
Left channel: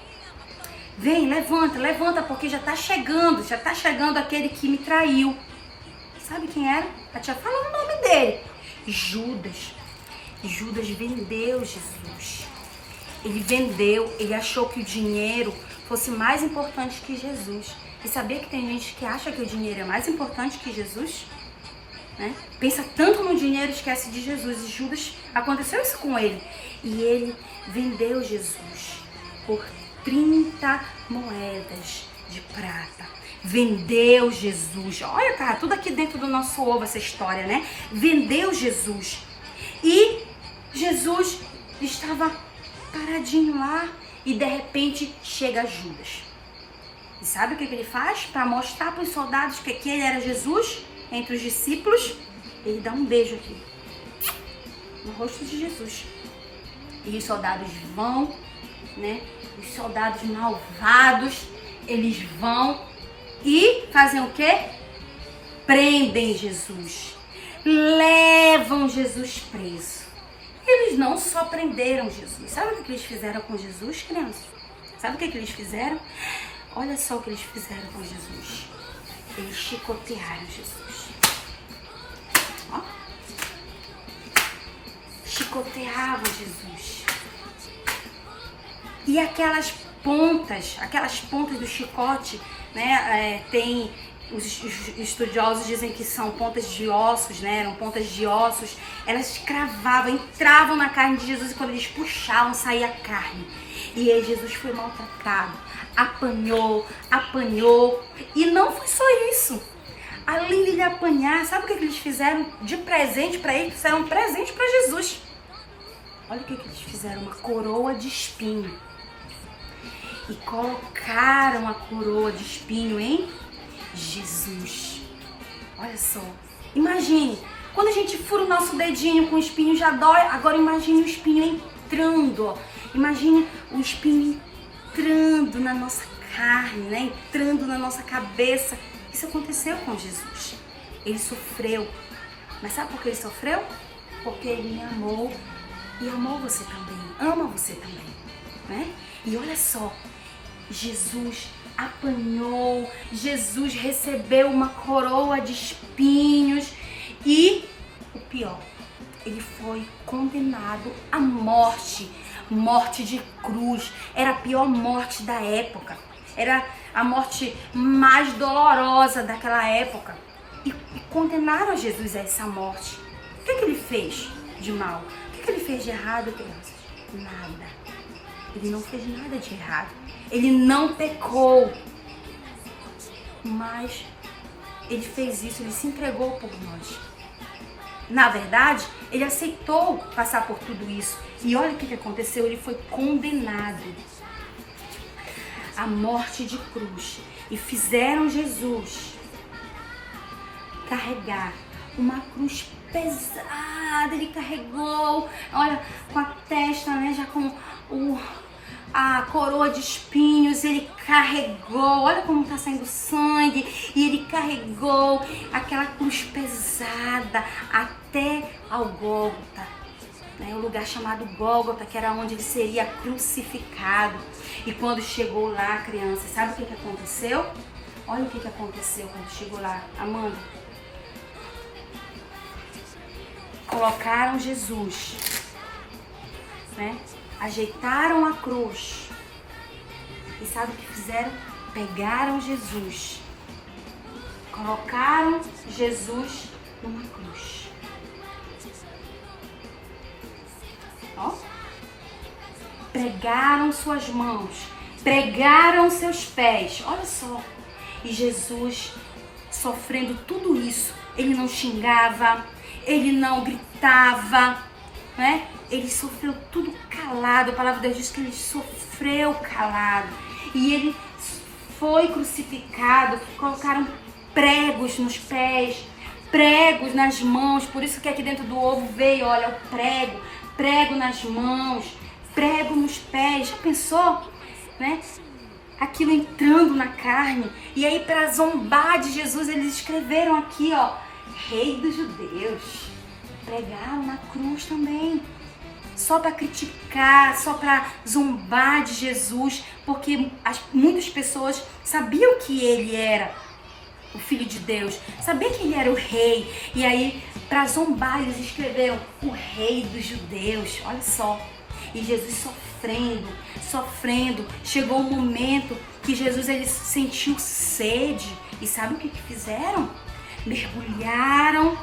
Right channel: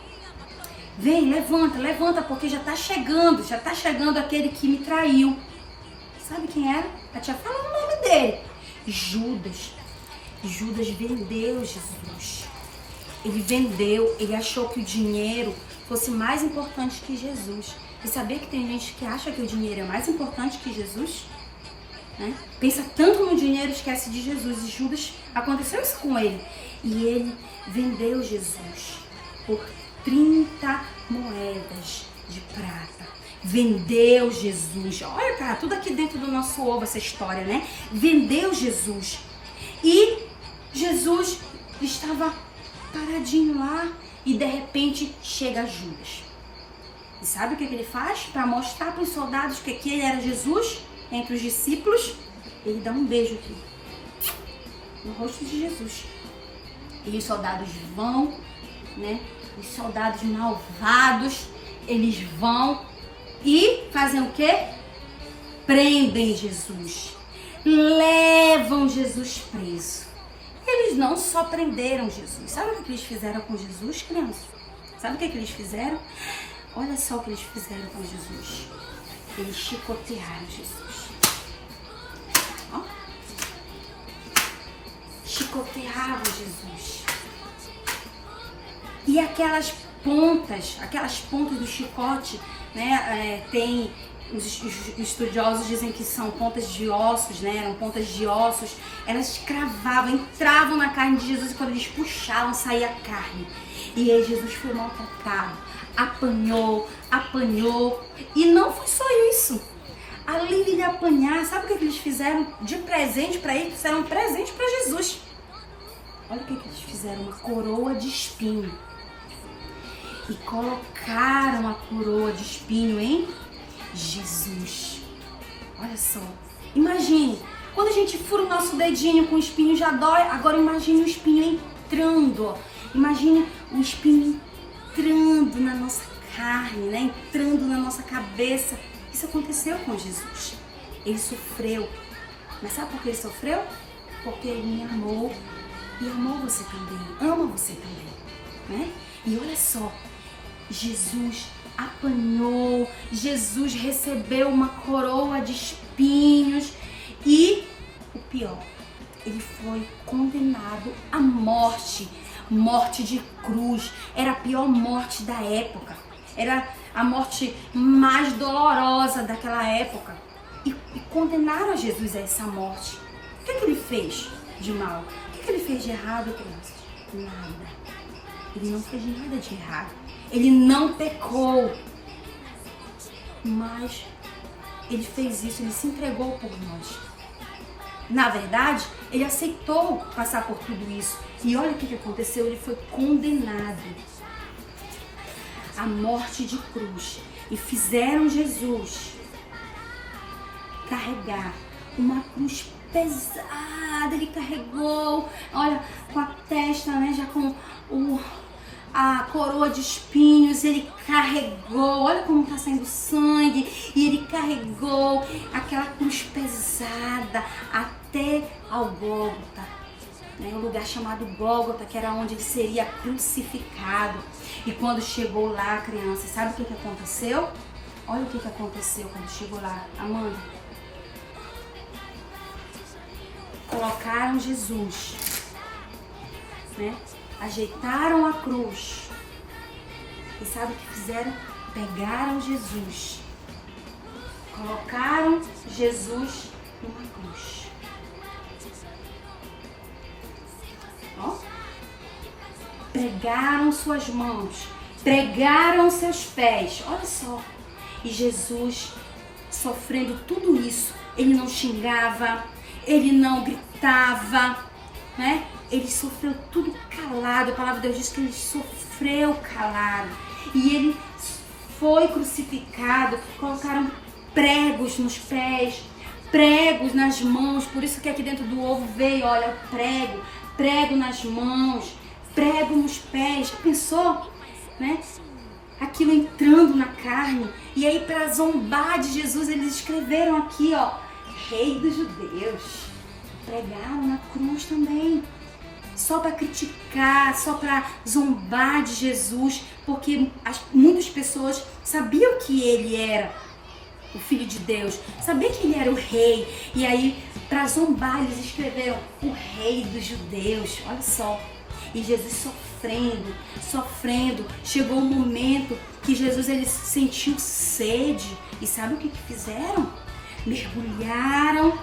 levanta, porque já tá chegando aquele que me traiu. Sabe quem era? A tia fala o nome dele. Judas. Judas vendeu Jesus. Ele vendeu, ele achou que o dinheiro fosse mais importante que Jesus. E sabia que tem gente que acha que o dinheiro é mais importante que Jesus? Né? Pensa tanto no dinheiro, esquece de Jesus. E Judas, aconteceu isso com ele. E ele vendeu Jesus por 30 moedas de prata. Vendeu Jesus. Olha, cara, tudo aqui dentro do nosso ovo, essa história, né? Vendeu Jesus. E Jesus estava paradinho lá e de repente chega Judas. E sabe o que ele faz? Para mostrar para os soldados que ele era Jesus, entre os discípulos, ele dá um beijo aqui, no rosto de Jesus. E os soldados vão, né? Os soldados malvados, eles vão e fazem o quê? Prendem Jesus. Levam Jesus preso. Eles não só prenderam Jesus. Sabe o que eles fizeram com Jesus, crianças? Sabe o que eles fizeram? Olha só o que eles fizeram com Jesus. Eles chicotearam Jesus. Ó. Chicoteavam Jesus. E aquelas pontas do chicote, né? Os estudiosos dizem que são pontas de ossos, né? Eram pontas de ossos. Elas cravavam, entravam na carne de Jesus e quando eles puxavam, saía a carne. E aí Jesus foi maltratado, apanhou. E não foi só isso. Além de ele apanhar, sabe o que eles fizeram de presente para ele? Fizeram um presente para Jesus. Olha o que eles fizeram, uma coroa de espinho. E colocaram a coroa de espinho em Jesus. Olha só. Imagine, quando a gente fura o nosso dedinho com o espinho já dói. Agora imagine o espinho entrando, ó. Imagine o espinho entrando na nossa carne, né? Entrando na nossa cabeça. Isso aconteceu com Jesus. Ele sofreu. Mas sabe por que ele sofreu? Porque ele me amou e amou você também. Ama você também, né? E olha só, Jesus apanhou, Jesus recebeu uma coroa de espinhos e o pior, ele foi condenado à morte de cruz. Era a pior morte da época, era a morte mais dolorosa daquela época e condenaram a Jesus a essa morte. O que ele fez de mal? O que ele fez de errado, crianças? Nada. Ele não fez nada de errado. Ele não pecou. Mas ele fez isso, ele se entregou por nós. Na verdade, ele aceitou passar por tudo isso. E olha o que aconteceu, ele foi condenado à morte de cruz. E fizeram Jesus carregar uma cruz pesada. Ele carregou, olha, com a testa, né, já com a coroa de espinhos, ele carregou, olha como está saindo sangue, e ele carregou aquela cruz pesada até ao Gólgota, né, o lugar chamado Gólgota, que era onde ele seria crucificado. E quando chegou lá, criança, sabe o que aconteceu? Olha o que aconteceu quando chegou lá, Amanda. Colocaram Jesus, né? Ajeitaram a cruz. E sabe o que fizeram? Pegaram Jesus. Colocaram Jesus numa cruz. Ó. Pregaram suas mãos. Pregaram seus pés. Olha só. E Jesus, sofrendo tudo isso, ele não xingava, ele não gritava, né? Ele sofreu tudo calado. A palavra de Deus diz que ele sofreu calado. E ele foi crucificado. Colocaram pregos nos pés, pregos nas mãos. Por isso que aqui dentro do ovo veio, olha, o prego. Prego nas mãos, prego nos pés. Já pensou, né? Aquilo entrando na carne. E aí, para zombar de Jesus, eles escreveram aqui, ó, Rei dos Judeus. Pregaram na cruz também. Só para criticar, só para zombar de Jesus, porque muitas pessoas sabiam que ele era o Filho de Deus, sabiam que ele era o rei, e aí para zombar eles escreveram o Rei dos Judeus, olha só. E Jesus sofrendo. Chegou um momento que Jesus ele sentiu sede. E sabe o que fizeram? Mergulharam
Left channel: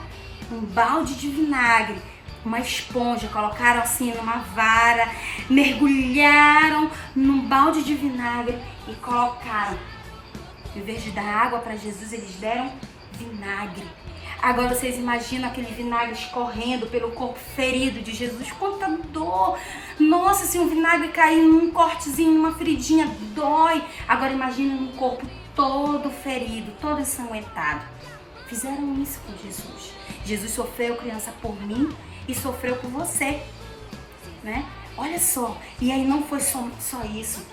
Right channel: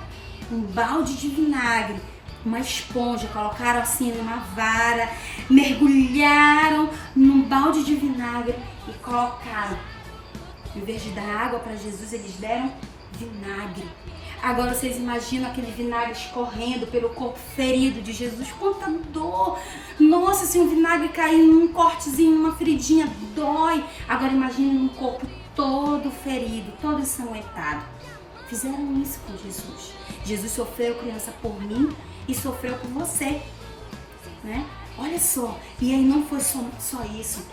um balde de vinagre, uma esponja, colocaram assim numa vara, mergulharam num balde de vinagre e colocaram. Em vez de dar água para Jesus, eles deram vinagre. Agora vocês imaginam aquele vinagre escorrendo pelo corpo ferido de Jesus. Quanta dor! Nossa, se um vinagre cair num cortezinho, numa feridinha, dói. Agora imagina um corpo todo ferido, todo ensanguentado. Fizeram isso com Jesus. Jesus sofreu, criança, por mim e sofreu por você, né? Olha só, e aí não foi só isso.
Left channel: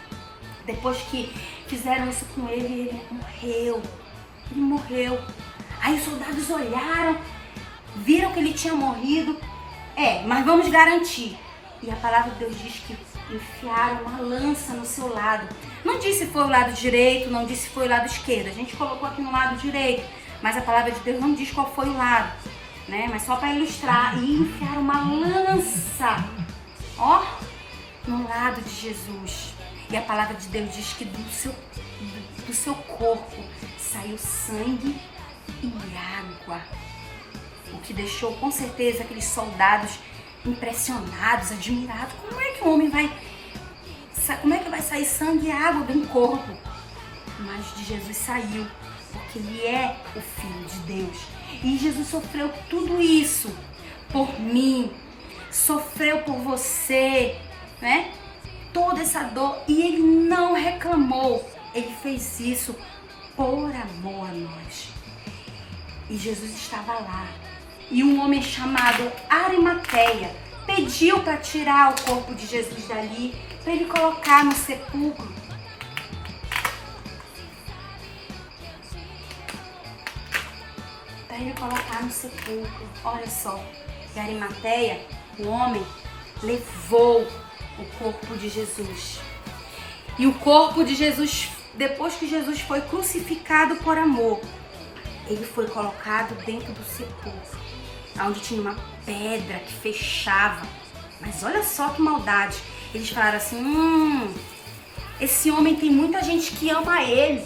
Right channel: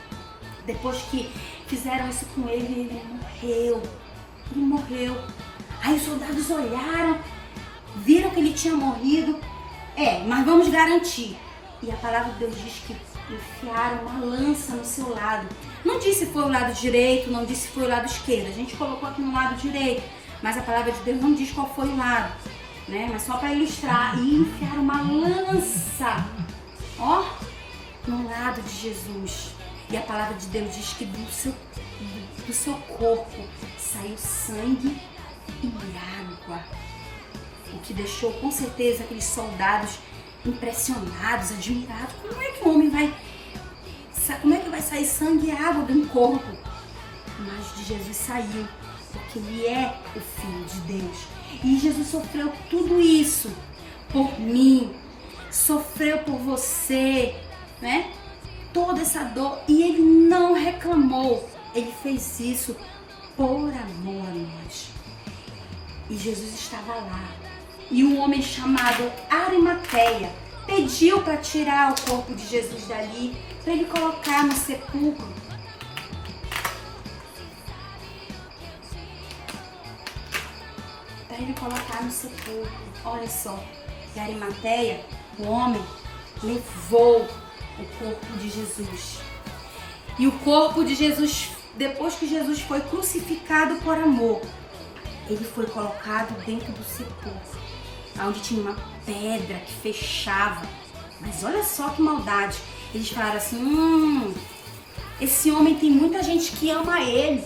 Depois que fizeram isso com ele, ele morreu. Ele morreu. Aí os soldados olharam, viram que ele tinha morrido. Mas vamos garantir. E a palavra de Deus diz que enfiaram uma lança no seu lado. Não disse se foi o lado direito, não disse se foi o lado esquerdo. A gente colocou aqui no lado direito, mas a palavra de Deus não diz qual foi o lado, né? Mas só para ilustrar. E enfiaram uma lança, no lado de Jesus. E a palavra de Deus diz que do seu corpo saiu sangue e água, o que deixou com certeza aqueles soldados impressionados, admirados. Como é que vai sair sangue e água de um corpo? Mas de Jesus saiu, porque ele é o Filho de Deus. E Jesus sofreu tudo isso por mim, sofreu por você, né? Toda essa dor, e ele não reclamou, ele fez isso por amor a nós. E Jesus estava lá. E um homem chamado Arimateia pediu para tirar o corpo de Jesus dali, para ele colocar no sepulcro. Para ele colocar no sepulcro. Olha só. E Arimateia, o homem, levou o corpo de Jesus. E o corpo de Jesus, depois que Jesus foi crucificado por amor, ele foi colocado dentro do sepulcro, onde tinha uma pedra que fechava. Mas olha só que maldade. Eles falaram assim, esse homem tem muita gente que ama ele.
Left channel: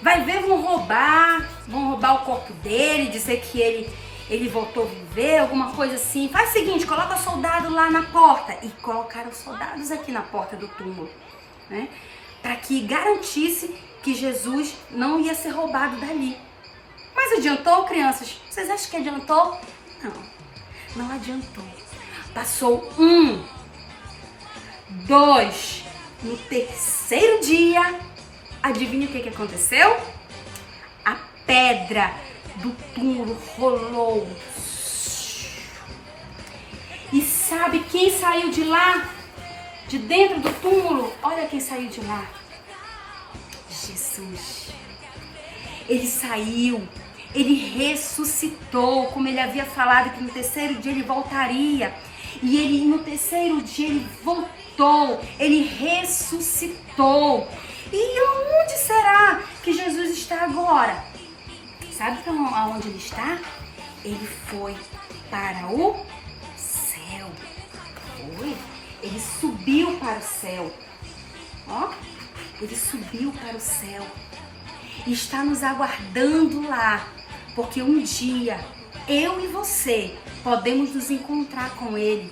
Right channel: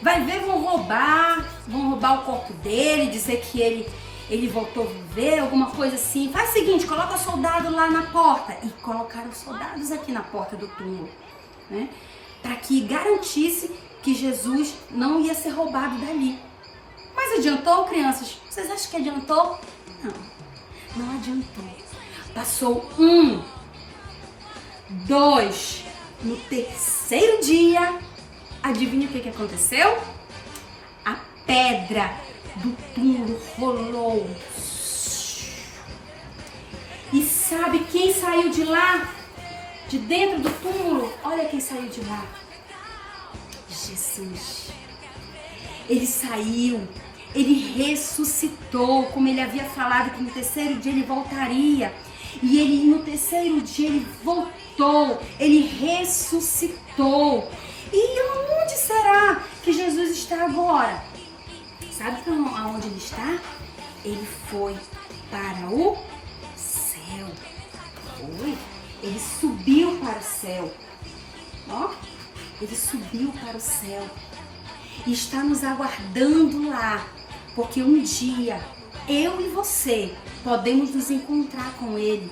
Vai ver, vão roubar o corpo dele, dizer que ele voltou a viver, alguma coisa assim. Faz o seguinte, coloca soldado lá na porta. E colocaram soldados aqui na porta do túmulo, né? Para que garantisse que Jesus não ia ser roubado dali. Mas adiantou, crianças? Vocês acham que adiantou? Não adiantou. Passou 2, no terceiro dia, adivinha o que aconteceu? A pedra do túmulo rolou. E sabe quem saiu de lá? De dentro do túmulo? Olha quem saiu de lá. Jesus. Ele saiu, ele ressuscitou, como ele havia falado que no terceiro dia ele voltaria. E no terceiro dia ele voltou, ele ressuscitou. E onde será que Jesus está agora? Sabe aonde ele está? Ele foi para o céu. Ele subiu para o céu. Ele subiu para o céu. E está nos aguardando lá, porque um dia eu e você podemos nos encontrar com ele,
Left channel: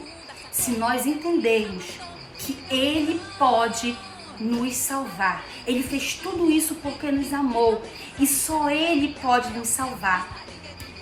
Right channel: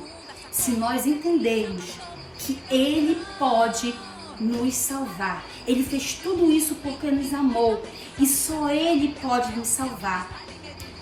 se nós entendermos que ele pode nos salvar. Ele fez tudo isso porque nos amou e só ele pode nos salvar.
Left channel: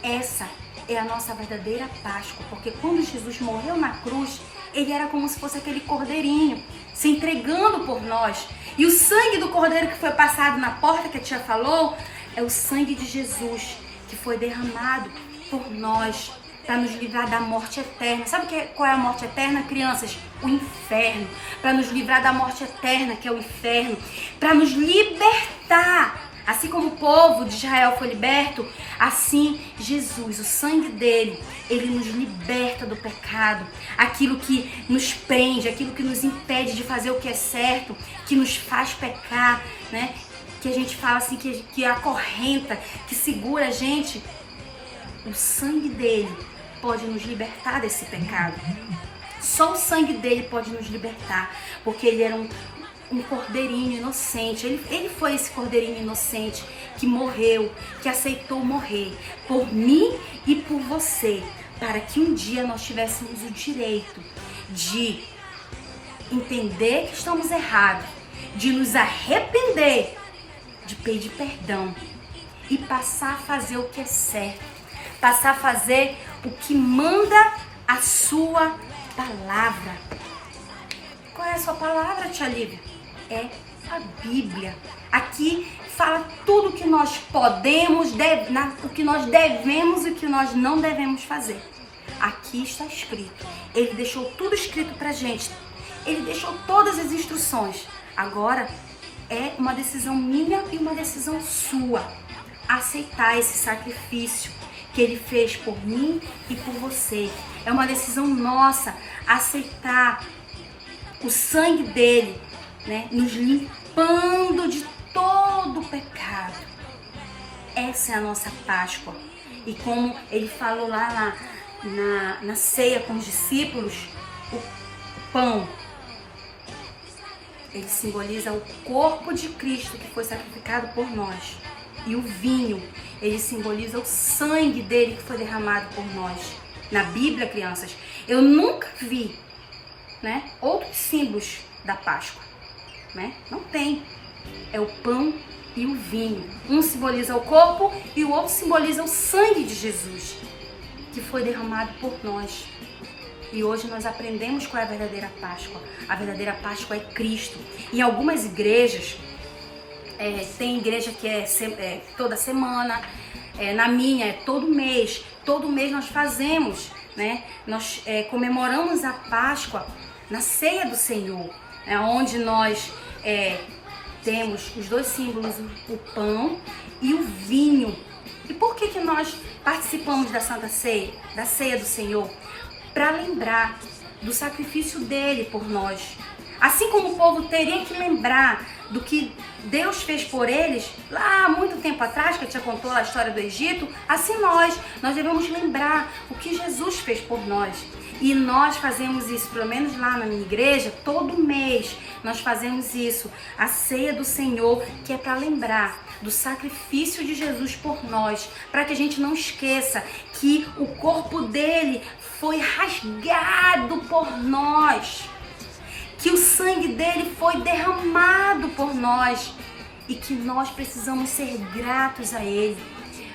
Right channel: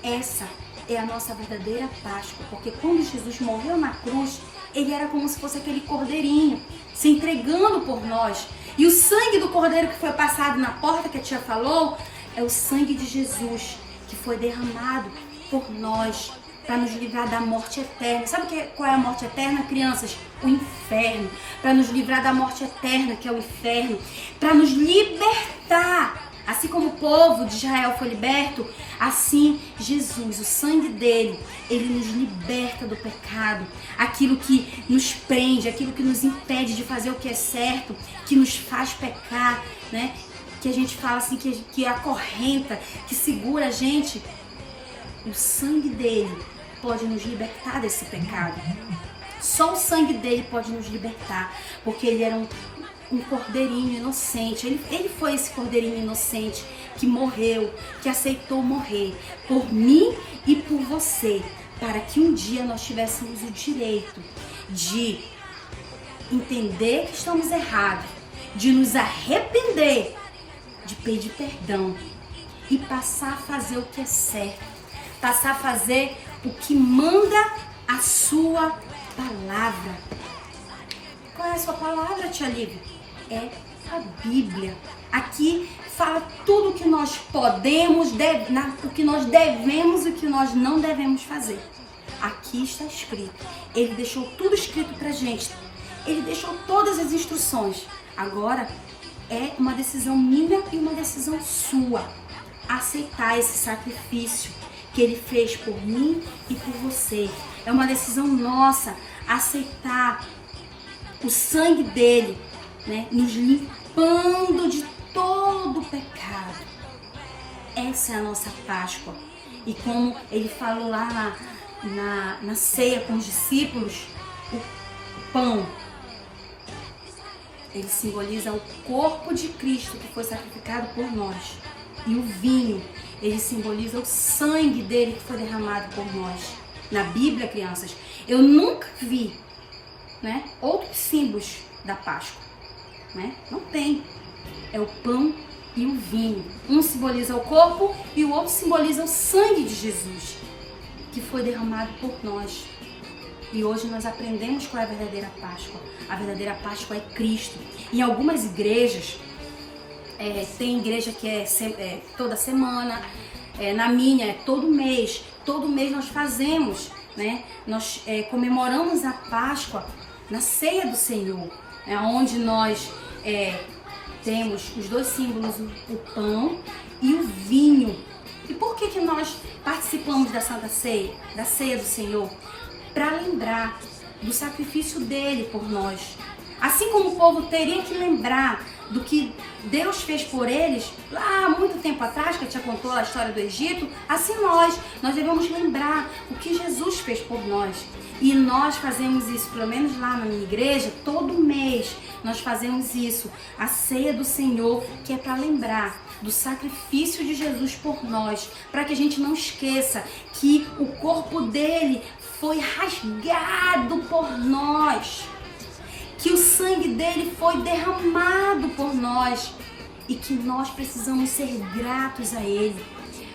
Essa é a nossa verdadeira Páscoa, porque quando Jesus morreu na cruz, ele era como se fosse aquele cordeirinho se entregando por nós. E o sangue do cordeiro que foi passado na porta, que a tia falou, é o sangue de Jesus que foi derramado por nós para nos livrar da morte eterna. Sabe qual é a morte eterna, crianças? O inferno. Para nos livrar da morte eterna, que é o inferno. Para nos libertar. Assim como o povo de Israel foi liberto, assim Jesus, o sangue dele, ele nos liberta do pecado. Aquilo que nos prende, aquilo que nos impede de fazer o que é certo, que nos faz pecar, né? Que a gente fala assim, que acorrenta, que segura a gente. O sangue dele pode nos libertar desse pecado. Só o sangue dele pode nos libertar, porque ele era um cordeirinho inocente. Ele foi esse cordeirinho inocente que morreu, que aceitou morrer por mim e por você, para que um dia nós tivéssemos o direito de entender que estamos errados, de nos arrepender, de pedir perdão e passar a fazer o que é certo, passar a fazer o que manda a sua palavra. Qual é a sua palavra, tia Lívia? É a Bíblia. Aqui fala tudo o que nós podemos, o que nós devemos e o que nós não devemos fazer. Aqui está escrito. Ele deixou tudo escrito pra gente. Ele deixou todas as instruções. Agora é uma decisão minha e uma decisão sua. Aceitar esse sacrifício que ele fez por mim e por você. É uma decisão nossa aceitar o sangue dele, né, nos limpando de todo o pecado. Essa é a nossa Páscoa. E como ele falou lá na ceia com os discípulos, o pão, ele simboliza o corpo de Cristo que foi sacrificado por nós. E o vinho, ele simboliza o sangue dele que foi derramado por nós. Na Bíblia, crianças, eu nunca vi, né, outros símbolos da Páscoa, né? Não tem. É o pão e o vinho. Um simboliza o corpo e o outro simboliza o sangue de Jesus, que foi derramado por nós. E hoje nós aprendemos qual é a verdadeira Páscoa. A verdadeira Páscoa é Cristo. Em algumas igrejas, tem igreja que é toda semana, na minha é todo mês. Todo mês nós fazemos, né? Nós comemoramos a Páscoa na ceia do Senhor, onde nós temos os dois símbolos, o pão e o vinho. E por que nós participamos da Santa Ceia, da ceia do Senhor? Para lembrar do sacrifício dele por nós. Assim como o povo teria que lembrar do que Deus fez por eles lá há muito tempo atrás, que eu te contou a história do Egito, assim nós devemos lembrar o que Jesus fez por nós. E nós fazemos isso, pelo menos lá na minha igreja, todo mês nós fazemos isso, a ceia do Senhor, que é para lembrar do sacrifício de Jesus por nós, para que a gente não esqueça que o corpo dele foi rasgado por nós, que o sangue dele foi derramado por nós e que nós precisamos ser gratos a ele,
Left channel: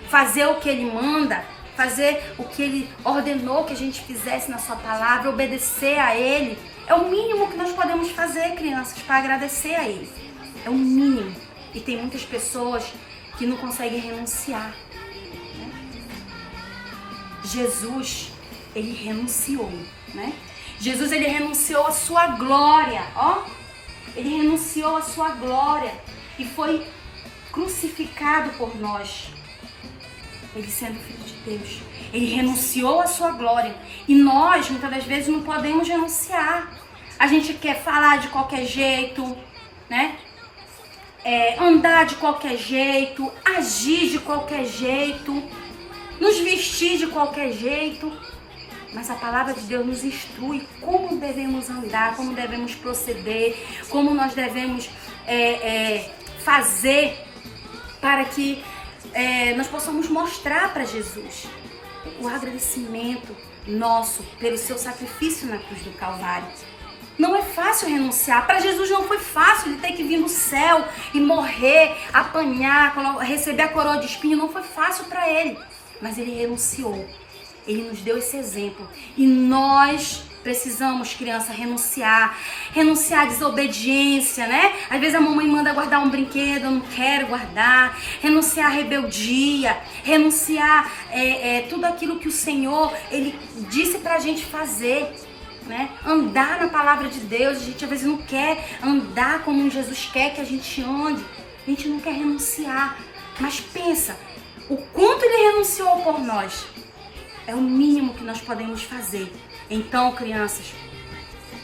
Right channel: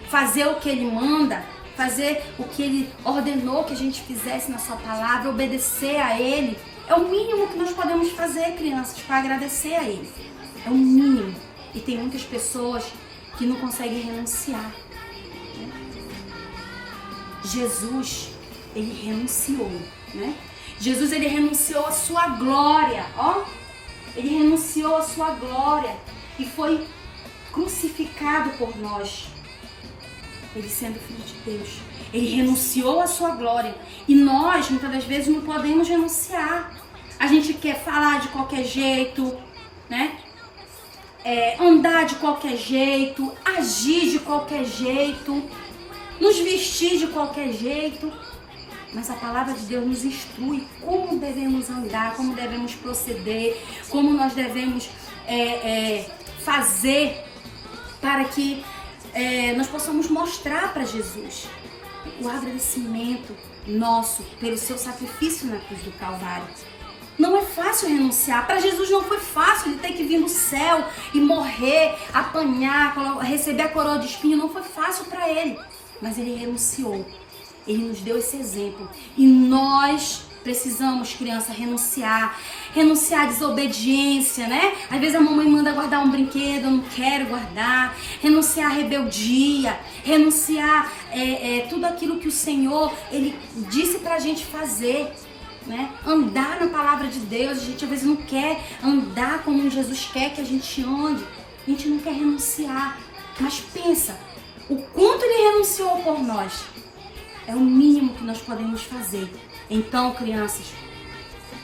fazer o que ele manda, fazer o que ele ordenou que a gente fizesse na sua palavra, obedecer a ele. É o mínimo que nós podemos fazer, crianças, para agradecer a ele. É o mínimo. E tem muitas pessoas que não conseguem renunciar, né? Jesus, ele renunciou, né? Jesus, ele renunciou a sua glória, ó. Ele renunciou a sua glória e foi crucificado por nós. Ele sendo filho de Deus, ele renunciou a sua glória. E nós, muitas das vezes, não podemos renunciar. A gente quer falar de qualquer jeito, né? Andar de qualquer jeito, agir de qualquer jeito, nos vestir de qualquer jeito. Mas a palavra de Deus nos instrui como devemos andar, como devemos proceder, como nós devemos fazer para que nós possamos mostrar para Jesus o agradecimento nosso pelo seu sacrifício na cruz do Calvário. Não é fácil renunciar. Para Jesus não foi fácil ele ter que vir do céu e morrer, apanhar, receber a coroa de espinho. Não foi fácil para ele, mas ele renunciou. Ele nos deu esse exemplo. E nós precisamos, criança, renunciar à desobediência, né? Às vezes a mamãe manda guardar um brinquedo, eu não quero guardar. Renunciar à rebeldia, renunciar tudo aquilo que o Senhor, ele disse pra gente fazer, né? Andar na palavra de Deus. A gente às vezes não quer andar como Jesus quer que a gente ande. A gente não quer renunciar. Mas pensa, o quanto ele renunciou por nós. É o mínimo que nós podemos fazer. Então, crianças,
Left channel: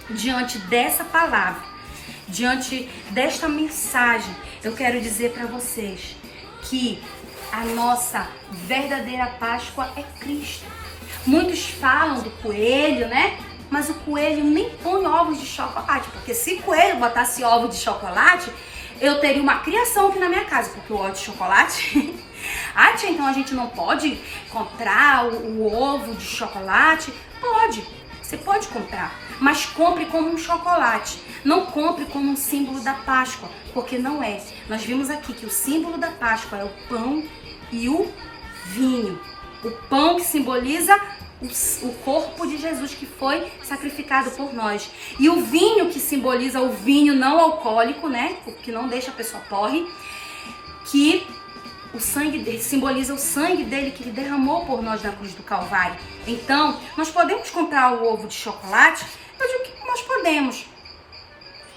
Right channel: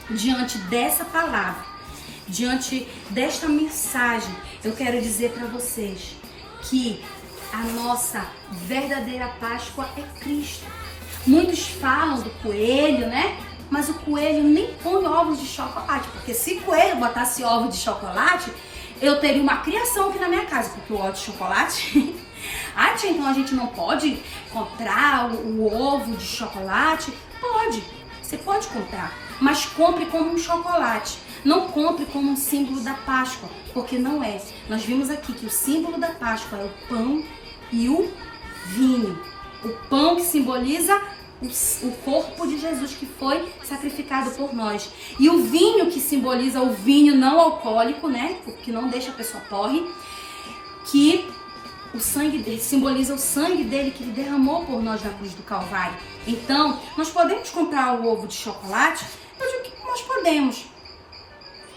diante dessa palavra, diante desta mensagem, eu quero dizer para vocês que a nossa verdadeira Páscoa é Cristo. Muitos falam do coelho, né? Mas o coelho nem põe ovos de chocolate, porque se o coelho botasse ovo de chocolate, eu teria uma criação aqui na minha casa, porque o ovo de chocolate... Ah, tia, então a gente não pode comprar o ovo de chocolate? Pode, você pode comprar, mas compre como um chocolate. Não compre como um símbolo da Páscoa, porque não é. Nós vimos aqui que o símbolo da Páscoa é o pão e o vinho. O pão que simboliza o corpo de Jesus que foi sacrificado por nós. E o vinho que simboliza o vinho não alcoólico, né? O que não deixa a pessoa porre, que o sangue dele simboliza o sangue dele que ele derramou por nós na cruz do Calvário. Então, nós podemos comprar o ovo de chocolate? Eu digo que nós podemos,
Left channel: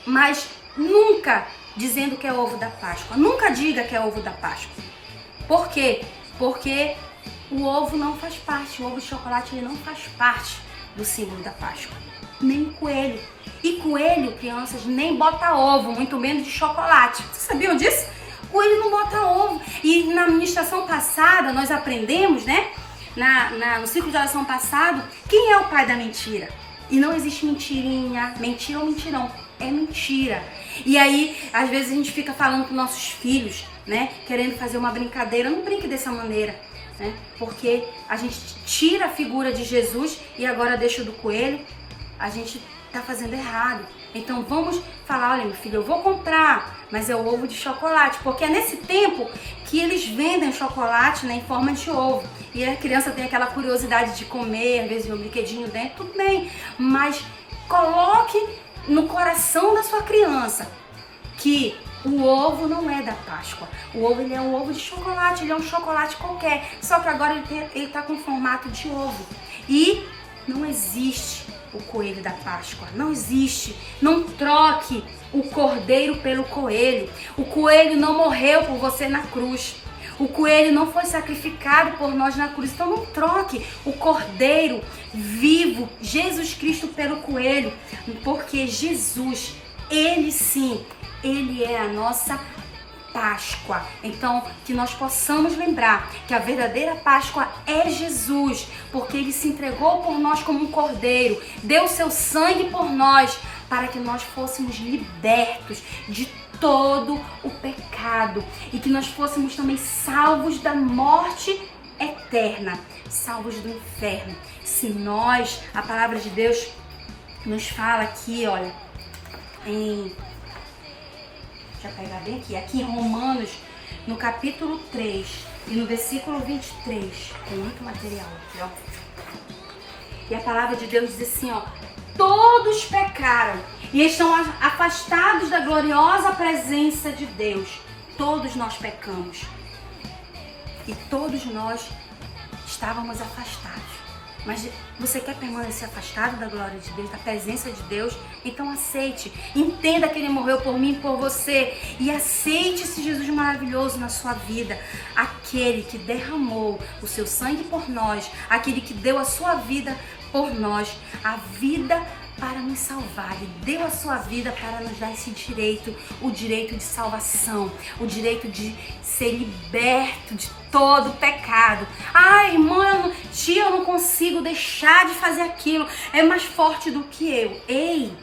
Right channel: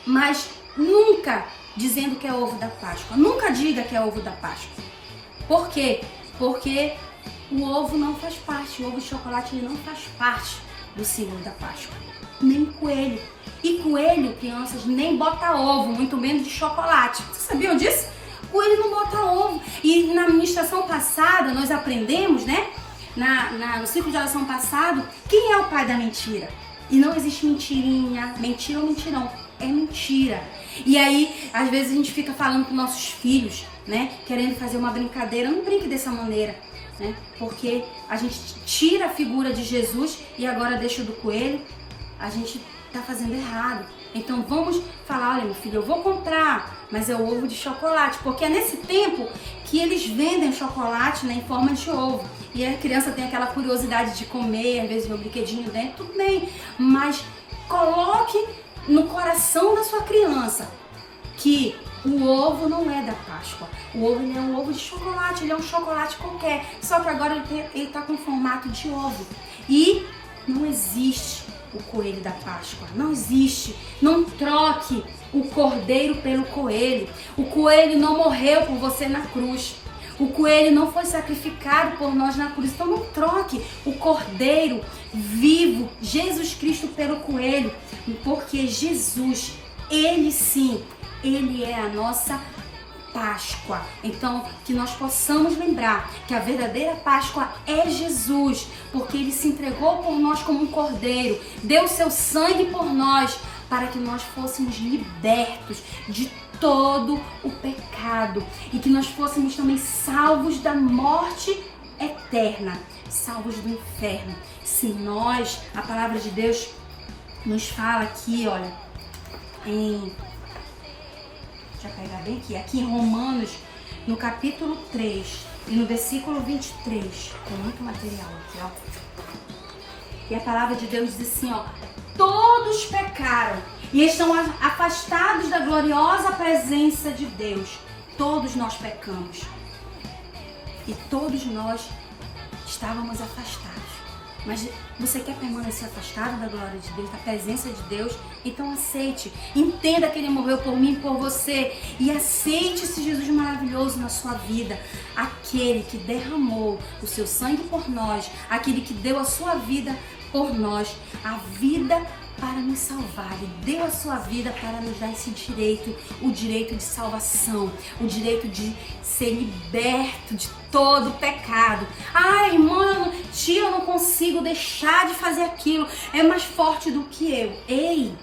mas nunca dizendo que é ovo da Páscoa. Nunca diga que é ovo da Páscoa. Por quê? Porque o ovo não faz parte, o ovo de chocolate ele não faz parte do símbolo da Páscoa. Nem coelho. E coelho, crianças, nem bota ovo, muito menos de chocolate. Vocês sabiam disso? Coelho não bota ovo. E na ministração passada, nós aprendemos, né? No ciclo de oração passado, quem é o pai da mentira? E não existe mentirinha, mentira ou mentirão. É mentira. E aí, às vezes a gente fica falando com nossos filhos, né? Querendo fazer uma brincadeira. Não brinque dessa maneira, né? Porque a gente tira a figura de Jesus e agora deixa do coelho. A gente tá fazendo errado. Então vamos falar, olha meu filho, eu vou comprar, mas é o ovo de chocolate, porque é nesse tempo que eles vendem chocolate, né, em forma de ovo. E a criança tem aquela curiosidade de comer, às vezes um brinquedinho dentro, tudo bem, mas coloque no coração da sua criança que o ovo não é da Páscoa. O ovo ele é um ovo de chocolate, ele é um chocolate qualquer, só que agora ele tá com formato de ovo. E não existe o coelho da Páscoa, não existe. Não troque o cordeiro pelo coelho. O coelho não morreu por você na cruz. O coelho não foi sacrificado por nós na cruz. Então não troque o cordeiro vivo, Jesus Cristo, pelo coelho, porque Jesus, ele sim, ele é a nossa Páscoa. Então, que nós possamos lembrar que a verdadeira Páscoa é Jesus, porque ele se entregou por nós como um cordeiro, deu seu sangue por nós, para que nós fôssemos libertos de todo o pecado e que nós fôssemos também salvos da morte eterna, salvos do inferno. Se nós, a palavra de Deus nos fala aqui, olha, deixa eu pegar bem aqui em Romanos, no capítulo 3 e no versículo 23, tem muito material aqui, ó. E a palavra de Deus diz assim, ó: todos pecaram e estão afastados da gloriosa presença de Deus. Todos nós pecamos e todos nós estávamos afastados. Mas você quer permanecer afastado da glória de Deus, da presença de Deus? Então aceite, entenda que ele morreu por mim e por você, e aceite esse Jesus maravilhoso na sua vida, aquele que derramou o seu sangue por nós, aquele que deu a sua vida por nós, a vida para nos salvar. Ele deu a sua vida para nos dar esse direito, o direito de salvação, o direito de ser liberto de todo o pecado. Ai, irmã, tia, eu não consigo deixar de fazer aquilo, é mais forte do que eu. Ei,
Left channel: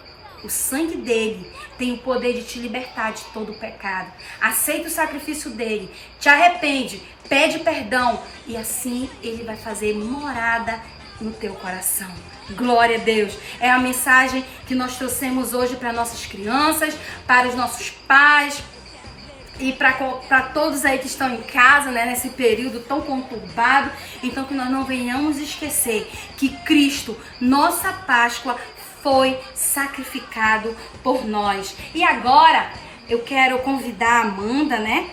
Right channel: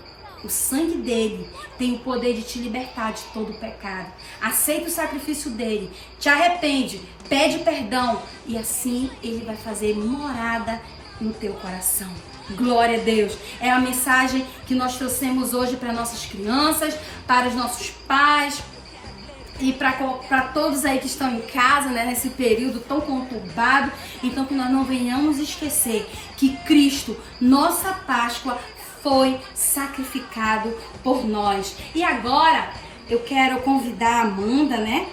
o sangue dele tem o poder de te libertar de todo o pecado. Aceita o sacrifício dele, te arrepende, pede perdão e assim ele vai fazer morada no teu coração. Glória a Deus. É a mensagem que nós trouxemos hoje para nossas crianças, para os nossos pais e para todos aí que estão em casa, né, nesse período tão conturbado. Então que nós não venhamos esquecer que Cristo, nossa Páscoa, foi sacrificado por nós. E agora eu quero convidar a Amanda, né?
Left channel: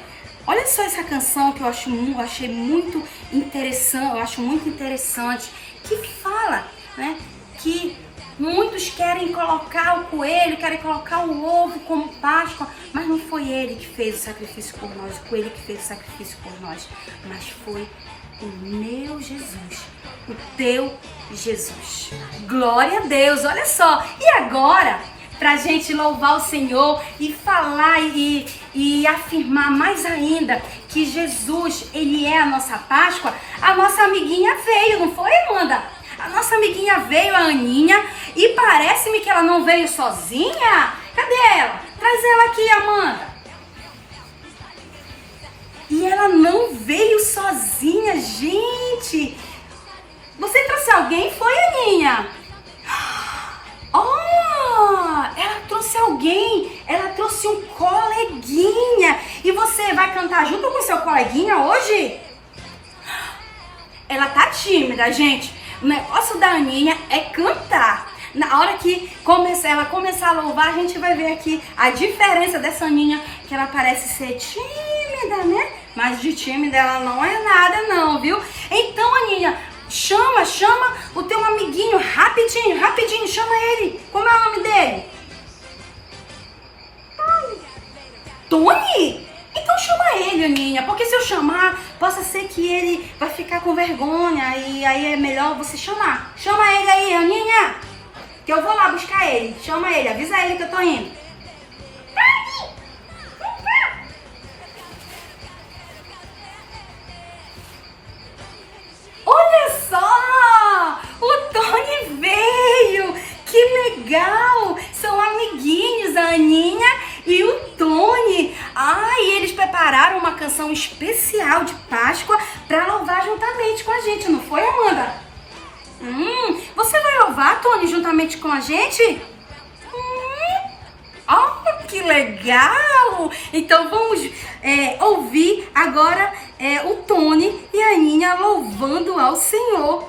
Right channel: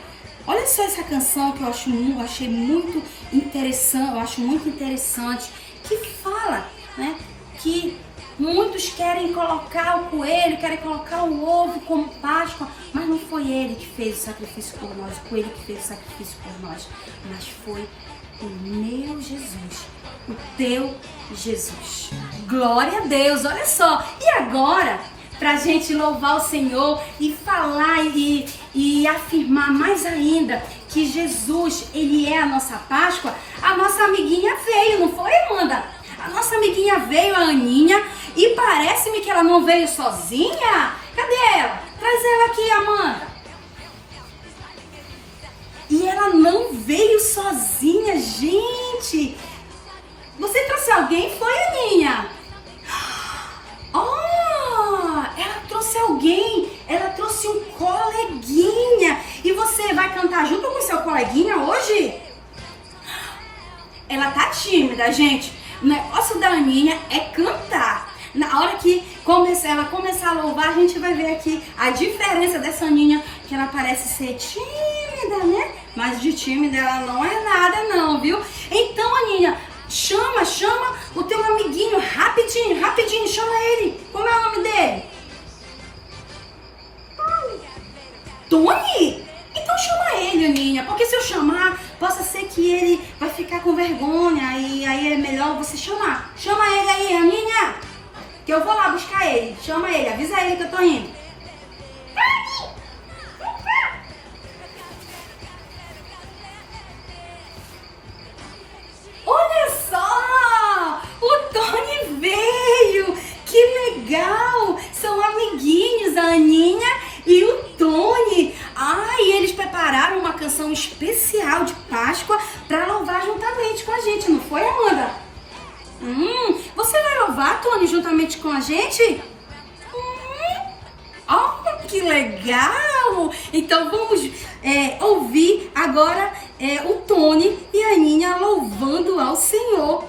Olha só essa canção que eu achei muito interessante, eu acho muito interessante, que fala, né, que muitos querem colocar o coelho, querem colocar o ovo como Páscoa, mas não foi ele que fez o sacrifício por nós, o coelho que fez o sacrifício por nós, mas foi o meu Jesus, o teu Jesus. Glória a Deus, olha só. E agora, pra gente louvar o Senhor e falar e afirmar mais ainda que Jesus, ele é a nossa Páscoa, a nossa amiguinha veio, não foi, Amanda? A nossa amiguinha veio, a Aninha, e parece-me que ela não veio sozinha. Cadê ela? Traz ela aqui, Amanda. E ela não veio sozinha, gente. Você trouxe alguém? Foi, Aninha? Oh, ela trouxe alguém. Ela trouxe um coleguinha. E você vai cantar junto com seu coleguinha hoje? Ela tá tímida, gente. O negócio da Aninha é cantar. Na hora que ela começar a louvar, a gente vai ver aqui a diferença dessa Aninha, que ela parece ser tímida, né? Mas de tímida ela não é nada não, viu? Então, Aninha, chama o teu amiguinho, rapidinho, chama ele. Como é o nome dele? Tony? Então chama ele, Aninha, porque se eu chamar, possa ser que ele vai ficar com vergonha e aí é melhor você chamar. Chama ele aí, Aninha, que eu vou lá buscar ele. Chama ele, avisa ele que eu tô indo. Olha só! O Tony veio! Que legal! São amiguinhos, a Aninha e o Tony. E eles prepararam uma canção especial de Páscoa para louvar juntamente com a gente, não foi, Amanda? Você vai louvar, Tony, juntamente com a gente? Que legal! Então vamos ouvir agora o Tony e a Aninha louvando ao Senhor.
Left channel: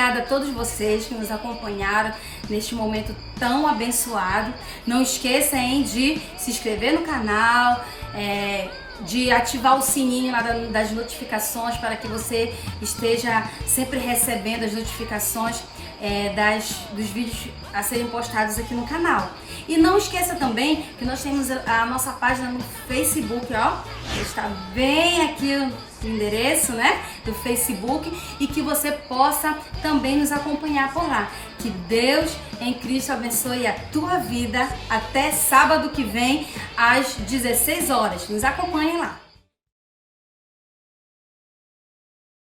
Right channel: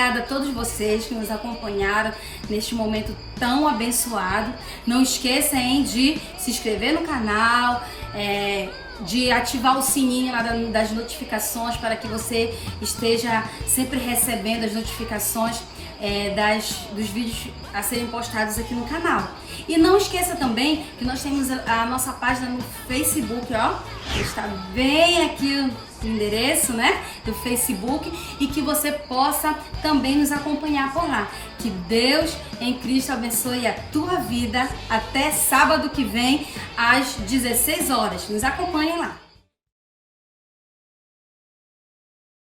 obrigada a todos vocês que nos acompanharam neste momento tão abençoado. Não esqueça, hein, de se inscrever no canal, de ativar o sininho lá das notificações para que você esteja sempre recebendo as notificações dos vídeos a serem postados aqui no canal. E não esqueça também que nós temos a nossa página no Facebook, ó, está bem aqui o endereço, né, do Facebook, e que você possa também nos acompanhar por lá. Que Deus em Cristo abençoe a tua vida. Até sábado que vem às 16 horas. Nos acompanhem lá.